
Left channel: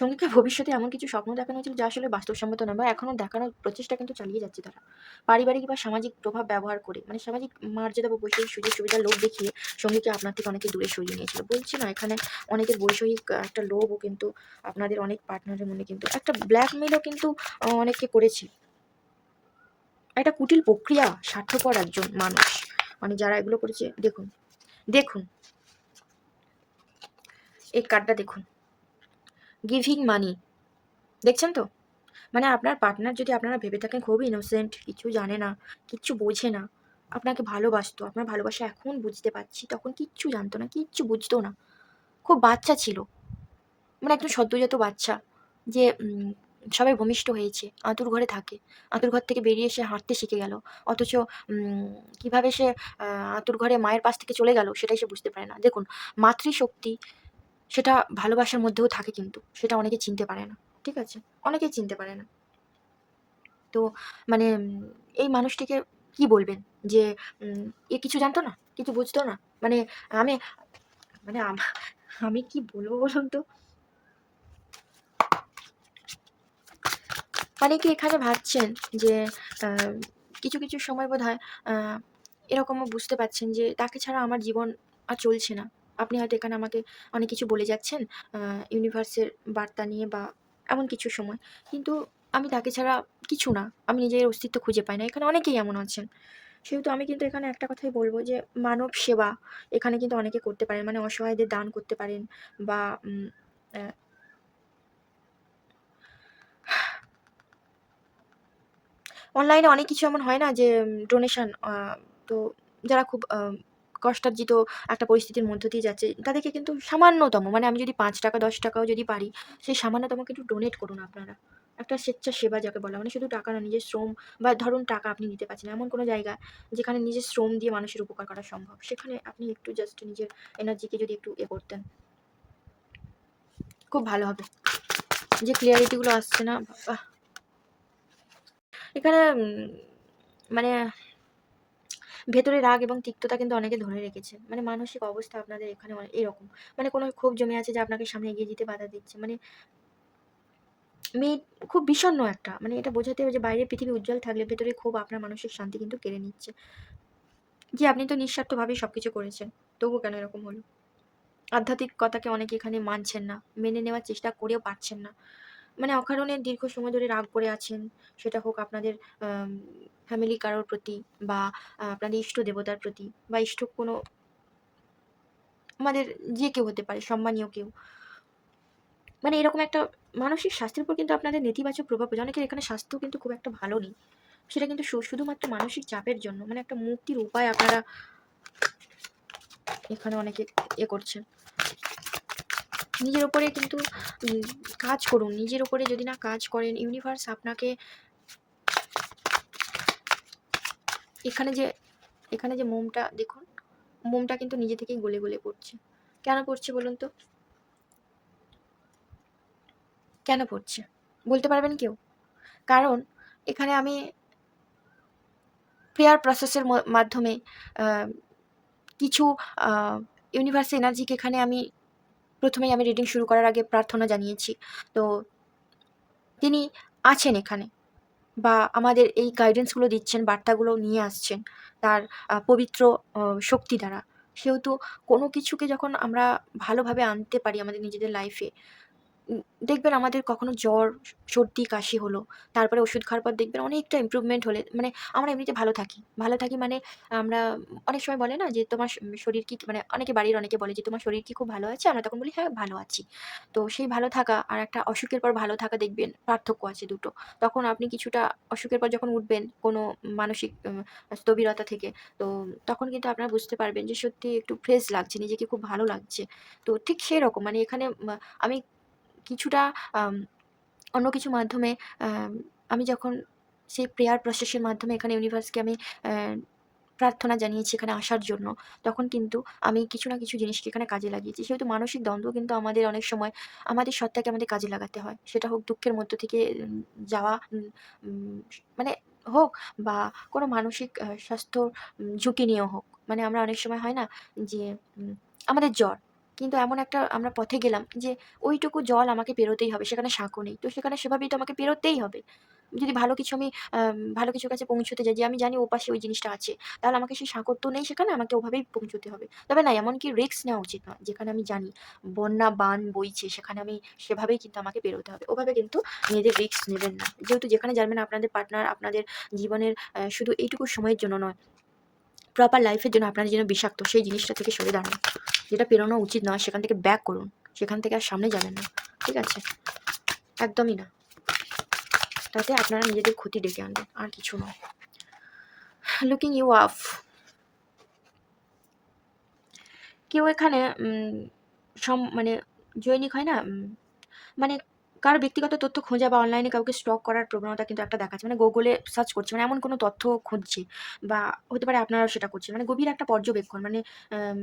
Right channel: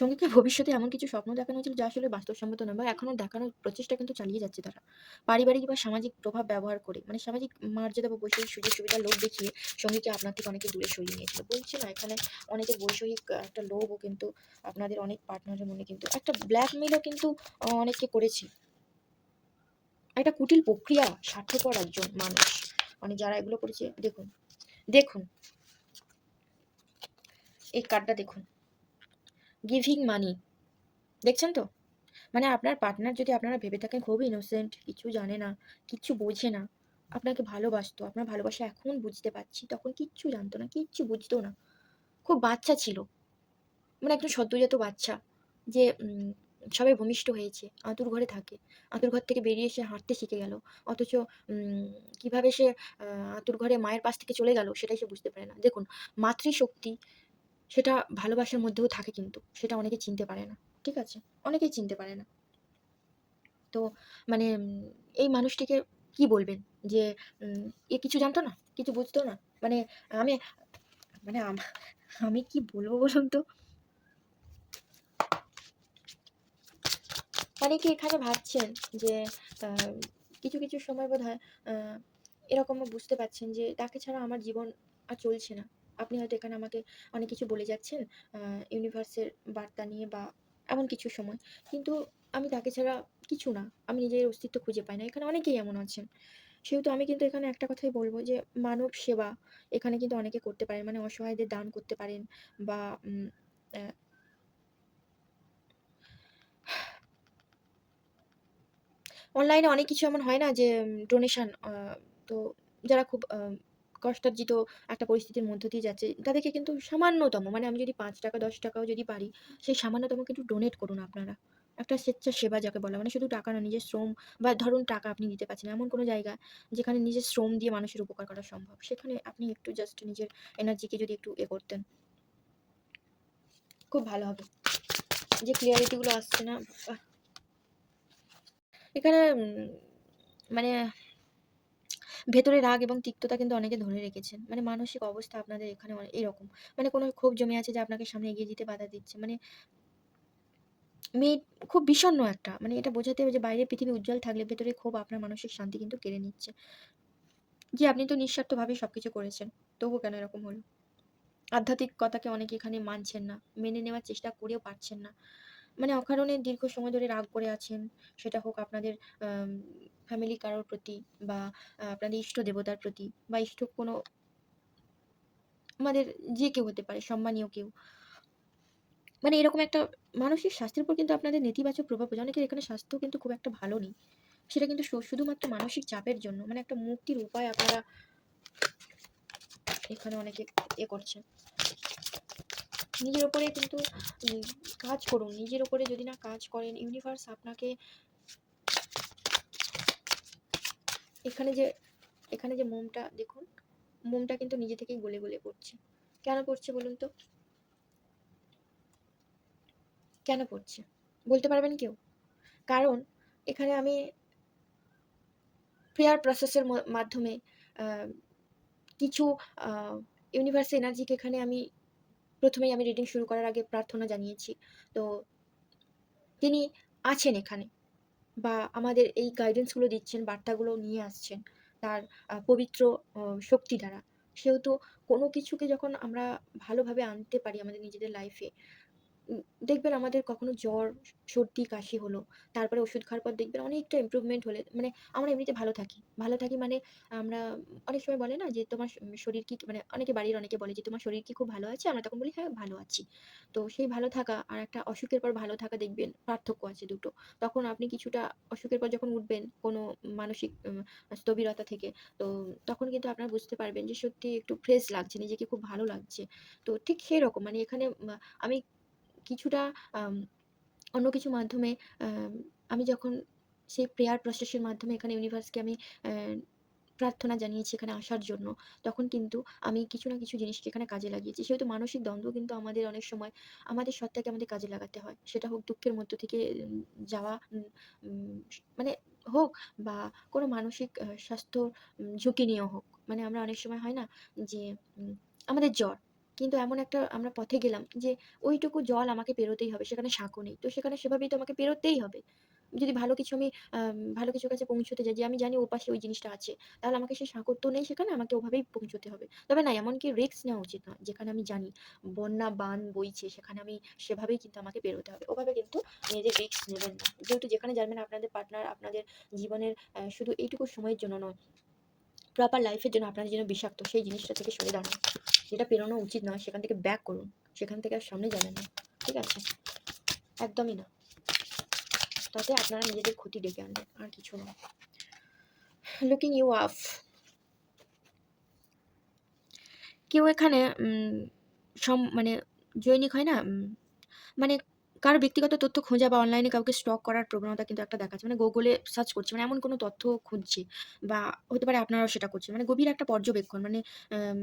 সঙ্গীকে ভবিষ্যতে এমন কিছু স্বপ্ন দেখানো হয়েছিল যা আসলে বাস্তবসম্মত নয়, বা এখনো দেখানোর প্রচেষ্টা কিন্তু চালিয়ে যাচ্ছে তারা। পারিবারিক বা সামাজিক প্রভাব ব্যবহার করে, মানে সামাজিক মর্যাদা বা বৈষয়িক সুযোগ সুবিধার লোভ দেখিয়ে সঙ্গীকে আপনার থেকে অনেকে দূরে সরিয়ে নিয়েছিল। বলছি না, এখানে অনেকের বৈষয়িক একটা লোভও কিন্তু আপনাদের অনেক পার্টনারের মনে কিন্তু একটা ব্ল্যাকমেলও কিন্তু অনেকে করেছে। একটা কুটিল প্রক্রিয়া, স্বার্থপর একজন মানুষ মানে যারা এগুলো করেছে। দেখুন, দেখুন এই কার্ডটা দেখুন, গিভিং মানি, দেখছেন তো? মানে আপনার পার্টনার যদি আপনারা ভেবে থাকেন খুব ইনোসেন্ট, কিছু জানে না, কিচ্ছু বোঝে না, আপনাকে ভালোবাসতো, আপনার ভালোবাসা এখন বুঝতে পারছি, তখন কিচ্ছু জানতো না, কিচ্ছু বুঝতো না। খুব বাচ্চা ছিল। মানে একদম সদ্যোজাত বাচ্চা, যে সবে ভূমিষ্ঠ হয়েছে, আঁতুড় ঘরে থাকে। আঁতুড় ঘর থেকে বেরিয়ে এসে হাঁটতে শিখে গেল। অথচ কিভাবে সে আঁতুড় ঘরে মায়ের পাশ থেকে চলে গেল সেটাই সে বুঝতে পারে না। দেখুন, মাতৃশক্তি সেটা ভালোবাসার মধ্যেও থাকে, কিন্তু সেটা অনেকে চিনতে পারে না। ঠিক আছে? অনেকেই চিনতে পারে না। তো মানে এই মানুষটিকে কি বলবেন? যে এ কিছু জানতো না? কিছু বুঝতো না? মানে আমি মানে আমি কি বলবো বলুন তো? মানে কি এখানে ভাবছেন যে আ কিছু, কিছু সময় বোধহয় আ এরকমও বুঝতে পারছেন যে তাকে ছাড়া আমার জীবন আর চলছে না। আপনি হয়তো এখানে আমাকে অনেক কিছু বলে যাচ্ছেন আ ইউনিভার্সের বার্তা নিয়ে বা এমন কিছু সময়। কিন্তু আমি তাকে ছাড়া কিছু না। আমি নিজের অস্তিত্ব খুঁজে পাই না। এখানে অনেকেই এমন আছেন। সেহেতু আমি কিন্তু এখানে একটা কথাই বলব যে মানব সেবা এখানে কিন্তু অনেকে করতে পারেন। মানে অসহায়দের দান করতে পারেন, বা অ্যা অনলাইনে অনেক কিছু এমন হয় না যে ডোনেশন, তো যারা খুব কষ্টার্জিত একটা পরিস্থিতির মধ্য দিয়ে যাচ্ছে, তাদেরকে কিন্তু সামান্যতম, মানে আমি যদি ৳৫ ৳১০ ও যদি পারি, সেই সামান্যতম কিন্তু ডোনেট করুন আপনারা। একটা স্বেচ্ছাসেবা যাকে বলা, মানে শুধু টাকা না, নিজের শ্রম বা ধরুন টাকা আপনি দিতে পারছেন না, এমন কোনো জায়গা যেখানে নিজের শ্রম দিয়ে মানুষের উপকার করা সম্ভব, সেখানে আপনি একটু জাস্ট নিজের এনার্জিকে যদি একটু করতেন, খুব ভালো হবে। যে ক্লিয়ারিটিগুলো আসছে না বাবা এখানে, মানে ভেতরে রাগ এবং তিক্ততা কিন্তু অনেকে ধরে রেখেছেন, মানে মানসিক অবস্থা আপনাদের এখানে এরকম, মানে কোনো ক্ষোভ জমে আছে যে আপনাকে সামনে এগিয়ে যেতে বাধা দিচ্ছে, মানে মেয়ে খুব বিষণ্ণ একটা, মানে এটা বোঝাতে হবে যে বাইরের পৃথিবী উজ্জ্বল থাকলে ভেতরে ক্ষোভ আপনার মানসিক শান্তি কিন্তু কেড়ে নিচ্ছে, যে আপনি তো নিঃস্বার্থভাবে সবকিছু করেছেন, তবু কেন এরকম হলো। আধ্যাত্মিকতাকে অনেকে এখানে মানছেন না, মেনে নেওয়ার চেষ্টা করেও পারছেন না, মানে অকারণে দীর্ঘ সময় ধরে রাগ করে আছেন, সেটা হোক আপনাদের ফ্যামিলি কারোর প্রতি, বা আপনাদের ইষ্ট দেবতার প্রতি, বা ইষ্ট কোনো আমাদের যে কেউ হতে পারে, সম্মানীয় কেউ, মানে এরকম একটা মানসিক স্বাস্থ্যের উপর কিন্তু আপনাদের নেতিবাচক প্রভাব পড়ে। অনেকের এখানে স্বাস্থ্য কিন্তু খুব একটা ভালো নেই, সেটা কিন্তু শুধুমাত্র মানসিক চাপের জন্য, মানে একটা মুক্তির উপায় আপনারা এখানে অনেকে করছেন। নিজের উপরে কিন্তু কাজ করুন, নিজের উপরে যদি না কাজ করেন, ইউনিভার্স আপনাকে এখানে যে মোমটা দেখুন, মোমটা কিন্তু নিজে থেকেই গলে গলে পড়ছে। কেন পড়ছে বলুন তো, কেন পড়ছে বলতে পারবেন কেউ? কারণ এখানে আমি প্রেয়ার প্রসেসের মাধ্যমে কিছু ইউনিভার্স এনার্জিকে এখানে আমি প্রথমেই আমি রিডিং শুরু করার আগে প্রার্থনা জানিয়েছি। তো তিনি আছেন এখানে, বা আমাদের এই গাইডেন্সগুলো দিচ্ছেন, বার্তাগুলো নিয়ে আসছেন তার পবিত্র শক্তি দ্বারা। সেহেতু কোনো কিছুকে যখন আমরা ভালোভাবে আনতে পারি আমাদের নিজেদের লাইফে, দেখবেন আমাদের কখনো জ্বর, সর্দি, কাশি হলো, তারপরে ওষুধ খাওয়ার পর দেখবেন অনেকটা ইমপ্রুভমেন্ট হলে, মানে আমরা এমনিতে ভালো থাকি। ভালো থাকি মানে আমরা অনেক সময় বলে না যে, "তোমার শরীর কি", মানে বাড়ির অনেকে বলে যে, "তোমার শরীর কি খুব ভালো আছে?" আমরা তখন বলি, "হ্যাঁ, ভালো আছি।" তো সেই ভালো থাকা আর একটা অসুখের পর ভালো থাকা, দেখবেন পার্থক্য আছে দুটো। তখন আপনি কিছুটা অসুখের পর যখন উঠবেন কোনো মানসিক স্থবিরতা থেকে, তো তখন কিন্তু আপনারা বুঝতে পারবেন যে সত্যি একটু ফ্রেশ লাগছে, নিজেকে খুব ভালো লাগছে। তো ঠিক সেরকম, মানে এখানে আমি কিছুটা আম অন্য কিছু মাধ্যমে, আম আমি যখন সেই প্রেয়ার প্রসেস এর মাধ্যমে এখানে ইউনিভার্সকে আমি প্রার্থনা জানিয়েছি এখানে আসার জন্য, তখন কিন্তু আমি কিছু না কিছু জিনিসকে এখানে কাজে লাগিয়েছি। সেহেতু মানসিক দ্বন্দ্ব কিন্তু আমাদের অনেক সময় আমাদের সত্তাকে আমাদের কাজে লাগাতে হয়। সেটা হোক দুঃখের মধ্য থেকে যাওয়া, উম মানে হোক, বা কোনো মানসিক স্বাস্থ্য ঝুঁকি নিয়েও হোক। মানে আমরা অনেক সময় হয় না যে, আমাদের জ্বর, কিন্তু এমন একটা আমরা পথে গেলাম যে ওইটুকু জল আমাকে পেরোতেই হবে। সেখানে সাঁকো নেই। তো সেখানে সেভাবেই তো আমাকে পেরোতেই হবে। যদি ভালো কিছু আমি ভালো কিছুর কাছে পৌঁছতে যাই, যে আমি জানি ওপাশে ওই জিনিসটা আছে, তাহলে আমাকে সেই সাঁকোর তো নেই সেখানে, আমাকে ওভাবেই পৌঁছতে হবে। তবে না, এমনকি রিস্ক নেওয়া উচিত নয়। যেখানে আমি জানি বন্যা, বান বইছে, সেখানে আমি সেভাবেই কিন্তু আমাকে পেরোতে হবে। ওভাবে কিন্তু নিজেদের রিস্ক নেবেন না। যেহেতু যেখানে জানবেন আপনাদের পার্টনার আপনাদের জীবনের শুধু এইটুকু সময়ের জন্য নয়, প্রপার লাইফ এর জন্য আপনার যেন বিষাক্ত, সেই জিনিসটা থেকে সরে দাঁড়ান। যেটা পেরোনো উচিত নয় সেখান থেকে ব্যাক করুন। সেখান থেকে আর সামনে যাবেন না। ঠিক আছে? একদমই না। তাতে আপনারা নিজেদের ক্ষতি ডেকে আনবেন। আর কিছু নয়। Looking you up. কেউ এখানে মানে জৈনিক হয় না? মানে কারো ব্যক্তিগত তথ্য খোঁজা বা অনলাইনে কাউকে স্টক করার প্রবণতা কিন্তু একটা দেখাচ্ছে। মানে গুগলে সার্চ করছে। মানে এমন কোনো তথ্য খুঁজছে, বা হতে পারে আপনারাও সেটা করছেন। মানে গভীর একটা পর্যবেক্ষণ। মানে আম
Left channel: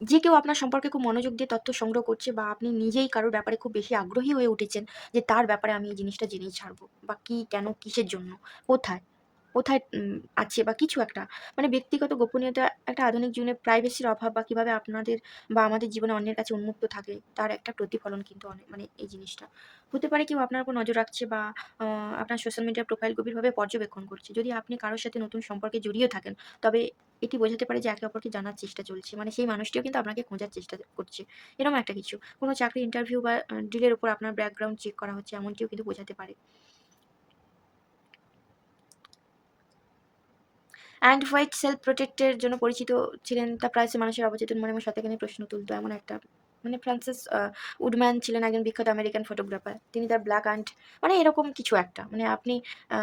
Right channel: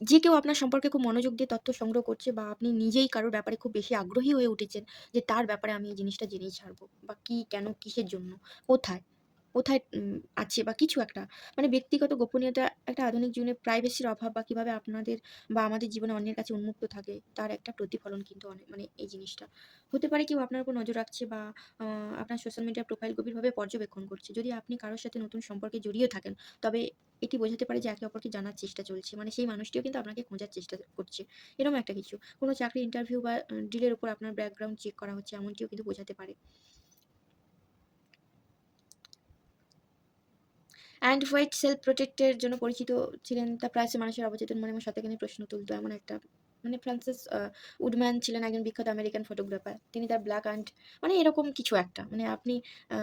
যে কেউ আপনার সম্পর্কে খুব মনোযোগ দিয়ে তথ্য সংগ্রহ করছে, বা আপনি নিজেই কারোর ব্যাপারে খুব বেশি আগ্রহী হয়ে উঠেছেন যে তার ব্যাপারে আমি এই জিনিসটা জেনেই ছাড়বো, বা কি, কেন, কিসের জন্য, কোথায়, কোথায় আছে, বা কিছু একটা, মানে ব্যক্তিগত গোপনীয়তা, একটা আধুনিক জীবনে প্রাইভেসির অভাব, বা কিভাবে আপনাদের বা আমাদের জীবনে অন্যের কাছে উন্মুক্ত থাকে তার একটা প্রতিফলন কিন্তু অনেক, মানে এই জিনিসটা হতে পারে কেউ আপনার উপর নজর রাখছে, বা আপনার সোশ্যাল মিডিয়া প্রোফাইল গভীরভাবে পর্যবেক্ষণ করছে। যদি আপনি কারোর সাথে নতুন সম্পর্কে জড়িয়ে থাকেন, তবে এটি বোঝাতে পারে যে একে অপরকে জানার চেষ্টা চলছে। মানে সেই মানুষটিও কিন্তু আপনাকে খোঁজার চেষ্টা করছে। এরকম একটা কিছু। কোনো চাকরির ইন্টারভিউ বা ডিলের উপর আপনার ব্যাকগ্রাউন্ড চেক করা হচ্ছে, এমনটিও কিন্তু বোঝাতে পারে। অ্যান্ড হোয়াইট সেলফ প্রোটেক্ট এর জন্য পরিচিত ছিলেন। তার প্রায়শই মানুষের অবচেতন মনে এবং শতখানি প্রশ্ন তুলত। এমন একটা, মানে ফ্রান্সিস উডম্যান ছিলেন একজন বিখ্যাত আমেরিকান ফটোগ্রাফার। তিনি তার ব্ল্যাক অ্যান্ড, মানে এরকম কিছু একটা। মানে আপনি আ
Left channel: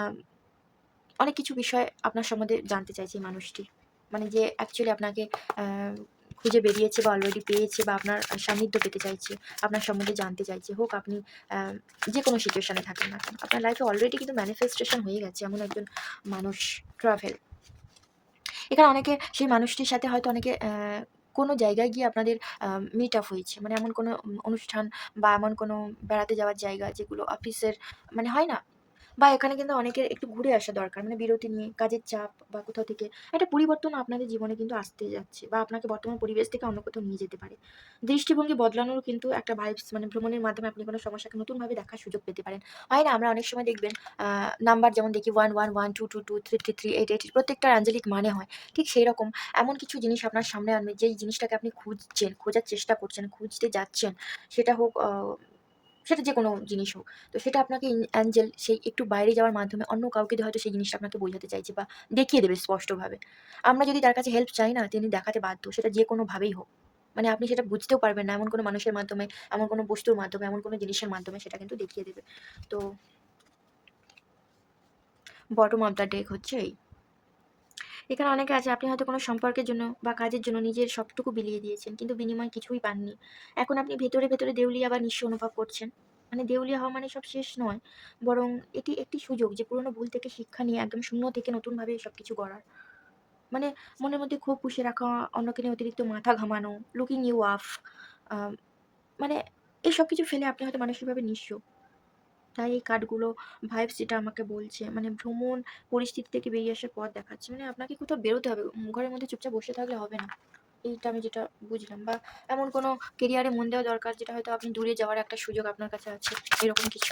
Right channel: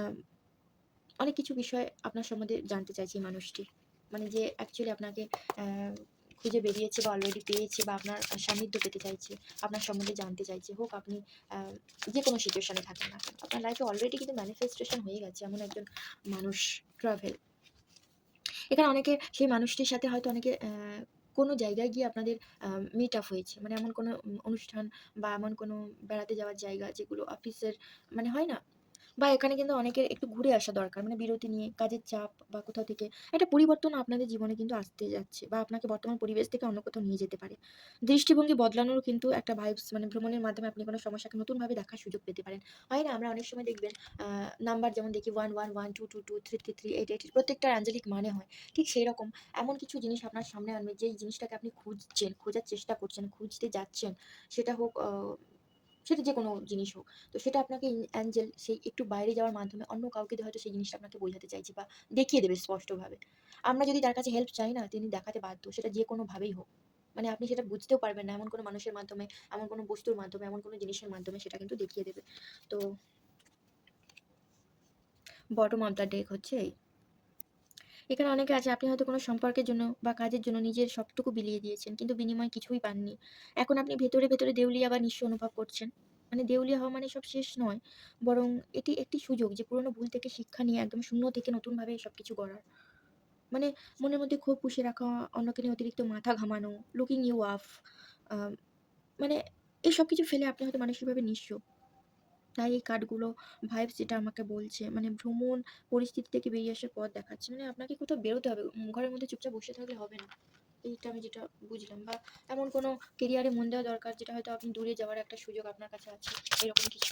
অনেক কিছু বিষয় আপনার সম্বন্ধে জানতে চাইছে এই মানুষটি। মানে যে অ্যাকচুয়ালি আপনাকে আ খুঁজে বেরিয়েছে বা অলরেডি পেয়েছে বা আপনার সান্নিধ্য পেতে চাইছে, আপনার সম্বন্ধে জানতে চাইছে, হোক আপনি যে কোনো সিচুয়েশনে থাকেন না কেন, আপনার লাইফে অলরেডি কিন্তু ম্যানিফেস্টেশন হয়ে গেছে এমন একজন মানুষ। ট্রাভেল, এখানে অনেকে সেই মানুষটির সাথে হয়তো অনেকে কোনো জায়গায় গিয়ে আপনাদের মিট আপ হয়েছে, মানে এমন কোনো অনুষ্ঠান বা এমন কোনো বেড়াতে যাওয়ার জায়গা যেগুলো অফিসের মানে হয় না, বা এখানে কিন্তু অনেকের একটু ঘুরে আসা দরকার। মানে বিরতি নিয়ে কাজের চাপ বা কোথাও থেকে একটা পরিবর্তন আপনাদের জীবনে কিন্তু আসতে যাচ্ছে বা আপনাকে বর্তমান পরিবেশ থেকে অন্য কোথাও নিয়ে যেতে পারে। দৃষ্টিভঙ্গি বদলানোরও কিন্তু একটা ভাইবস, মানে ভ্রমণের মাধ্যমে আপনি কোনো সমস্যাকে নতুনভাবে দেখার সুযোগ পেতে পারেন। হয় না? আমরা অনেক সময় দেখবেন নাম্বার যেমন দেখি 111, 222, 333, 888 প্রত্যেকটার আঞ্জলিক মানে হয়। ঠিক সেইরকম এমন কিছু জিনিস আপনার সামনে আনবে যেই জিনিসটাকে আপনি খুঁজছেন, খোঁজার চেষ্টা করছেন, খুঁজতে যাচ্ছেন। সেটা হোক সেটা যেকোনো জিনিস হোক। তো সেটা আপনাকে অ্যাঞ্জেল সেই একটু বাইরে যাওয়ার মাধ্যমে অন্য কাউকে দিয়ে হয়তো সেই জিনিসটা আপনাকে বোঝাতে চাইছে বা দেখিয়ে দেবে স্পষ্টভাবে। আমরা যদি তার কাছে হেল্প চাই না, তিনি দেখাতে বাধ্য। সেটা যেকোনোভাবেই হোক। মানে আপনি সেটা বুঝতেও পারবেন না। এমন কোনো মানুষের মাধ্যমে, এমন কোনো বস্তুর মাধ্যমে, এমন কোনো জিনিসের মাধ্যমে সেটা কিন্তু দেখিয়ে দেবে। তো বটম অফ দ্য ডেক হচ্ছে এই। এখানে অনেকে আছে, আপনি হয়তো কোনো সম্পর্কের জন্য বা কাজের জন্য নিজের সবটুকু বিলিয়ে দিয়েছেন। কিন্তু বিনিময়ে কিছুই পাননি। এখন আপনি ভেতরে, ভেতরে দেউলিয়া বা নিঃস্ব অনুভব করছেন। মানে দেউলিয়া হওয়া মানে সব শেষ নয়। বরং এটি একটি সুযোগ যে পুরনো ভুল থেকে শিক্ষা নিয়ে একদম শূন্য থেকে নতুনভাবে সবকিছু গড়ার। মানে মনের মধ্যে ক্ষোভ পুষে রাখা, অন্যকে নিয়ে অতিরিক্ত মাথা ঘামানো, লুকিং ইউ অফ, আ মানে এসব কিছু ফেলে আপনি হয়তো মানসিকভাবে নিঃস্ব। তাই এই কার্ডগুলো ভাইবস যেটা আমাকে বলছে, মানে ভ্রমণ পরিস্থিতি থেকে বেরিয়ে আসার পথ দেখাচ্ছে। মানে আপনাকে কোথাও বেরোতে হবে। ঘরের মধ্যে চুপচাপ বসে থাকলে হবে না। এইটা আমি যেটা বুঝলাম। বা এমন কোনো কেরিয়ারে মন দেওয়া দরকার যেটা হয়তো আপনি দূরে যাওয়ার একটা সুযোগ আপনার কাছে আছে। এরকম কিছু।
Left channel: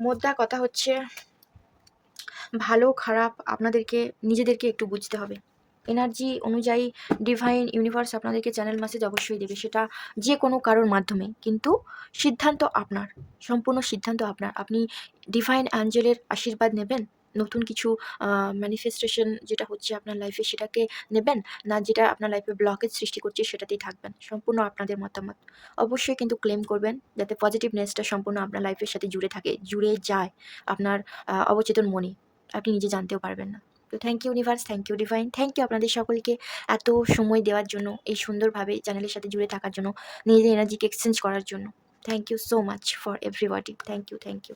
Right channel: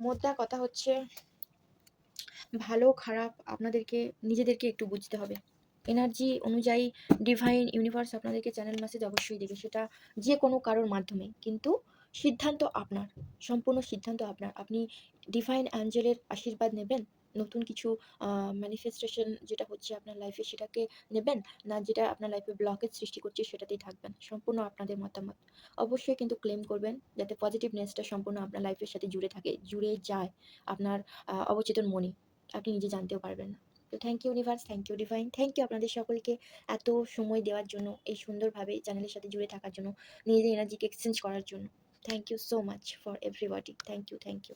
মোদ্দা কথা হচ্ছে, ভালো খারাপ আপনাদেরকে নিজেদেরকে একটু বুঝতে হবে। এনার্জি অনুযায়ী ডিভাইন ইউনিভার্স আপনাদেরকে চ্যানেল মেসেজ অবশ্যই দেবে। সেটা যে কোনো কারোর মাধ্যমে। কিন্তু সিদ্ধান্ত আপনার। সম্পূর্ণ সিদ্ধান্ত আপনার। আপনি ডিভাইন অ্যাঞ্জেলের আশীর্বাদ নেবেন। নতুন কিছু আ ম্যানিফেস্টেশন যেটা হচ্ছে আপনার লাইফে সেটাকে নেবেন। না যেটা আপনার লাইফে ব্লকেজ সৃষ্টি করছে সেটাতেই থাকবেন। সম্পূর্ণ আপনাদের মতামত। অবশ্যই কিন্তু ক্লেম করবেন যাতে পজিটিভনেসটা সম্পূর্ণ আপনার লাইফের সাথে জুড়ে থাকে, জুড়ে যায় আপনার অবচেতন মনে। আপনি নিজে জানতেও পারবেন না। তো thank you universe, thank you divine, thank you আপনাদের সকলকে এত সময় দেওয়ার জন্য, এই সুন্দরভাবে চ্যানেলের সাথে জুড়ে থাকার জন্য, নিজেদের এনার্জিকে এক্সচেঞ্জ করার জন্য। Thank you so much for everybody. Thank you, thank you.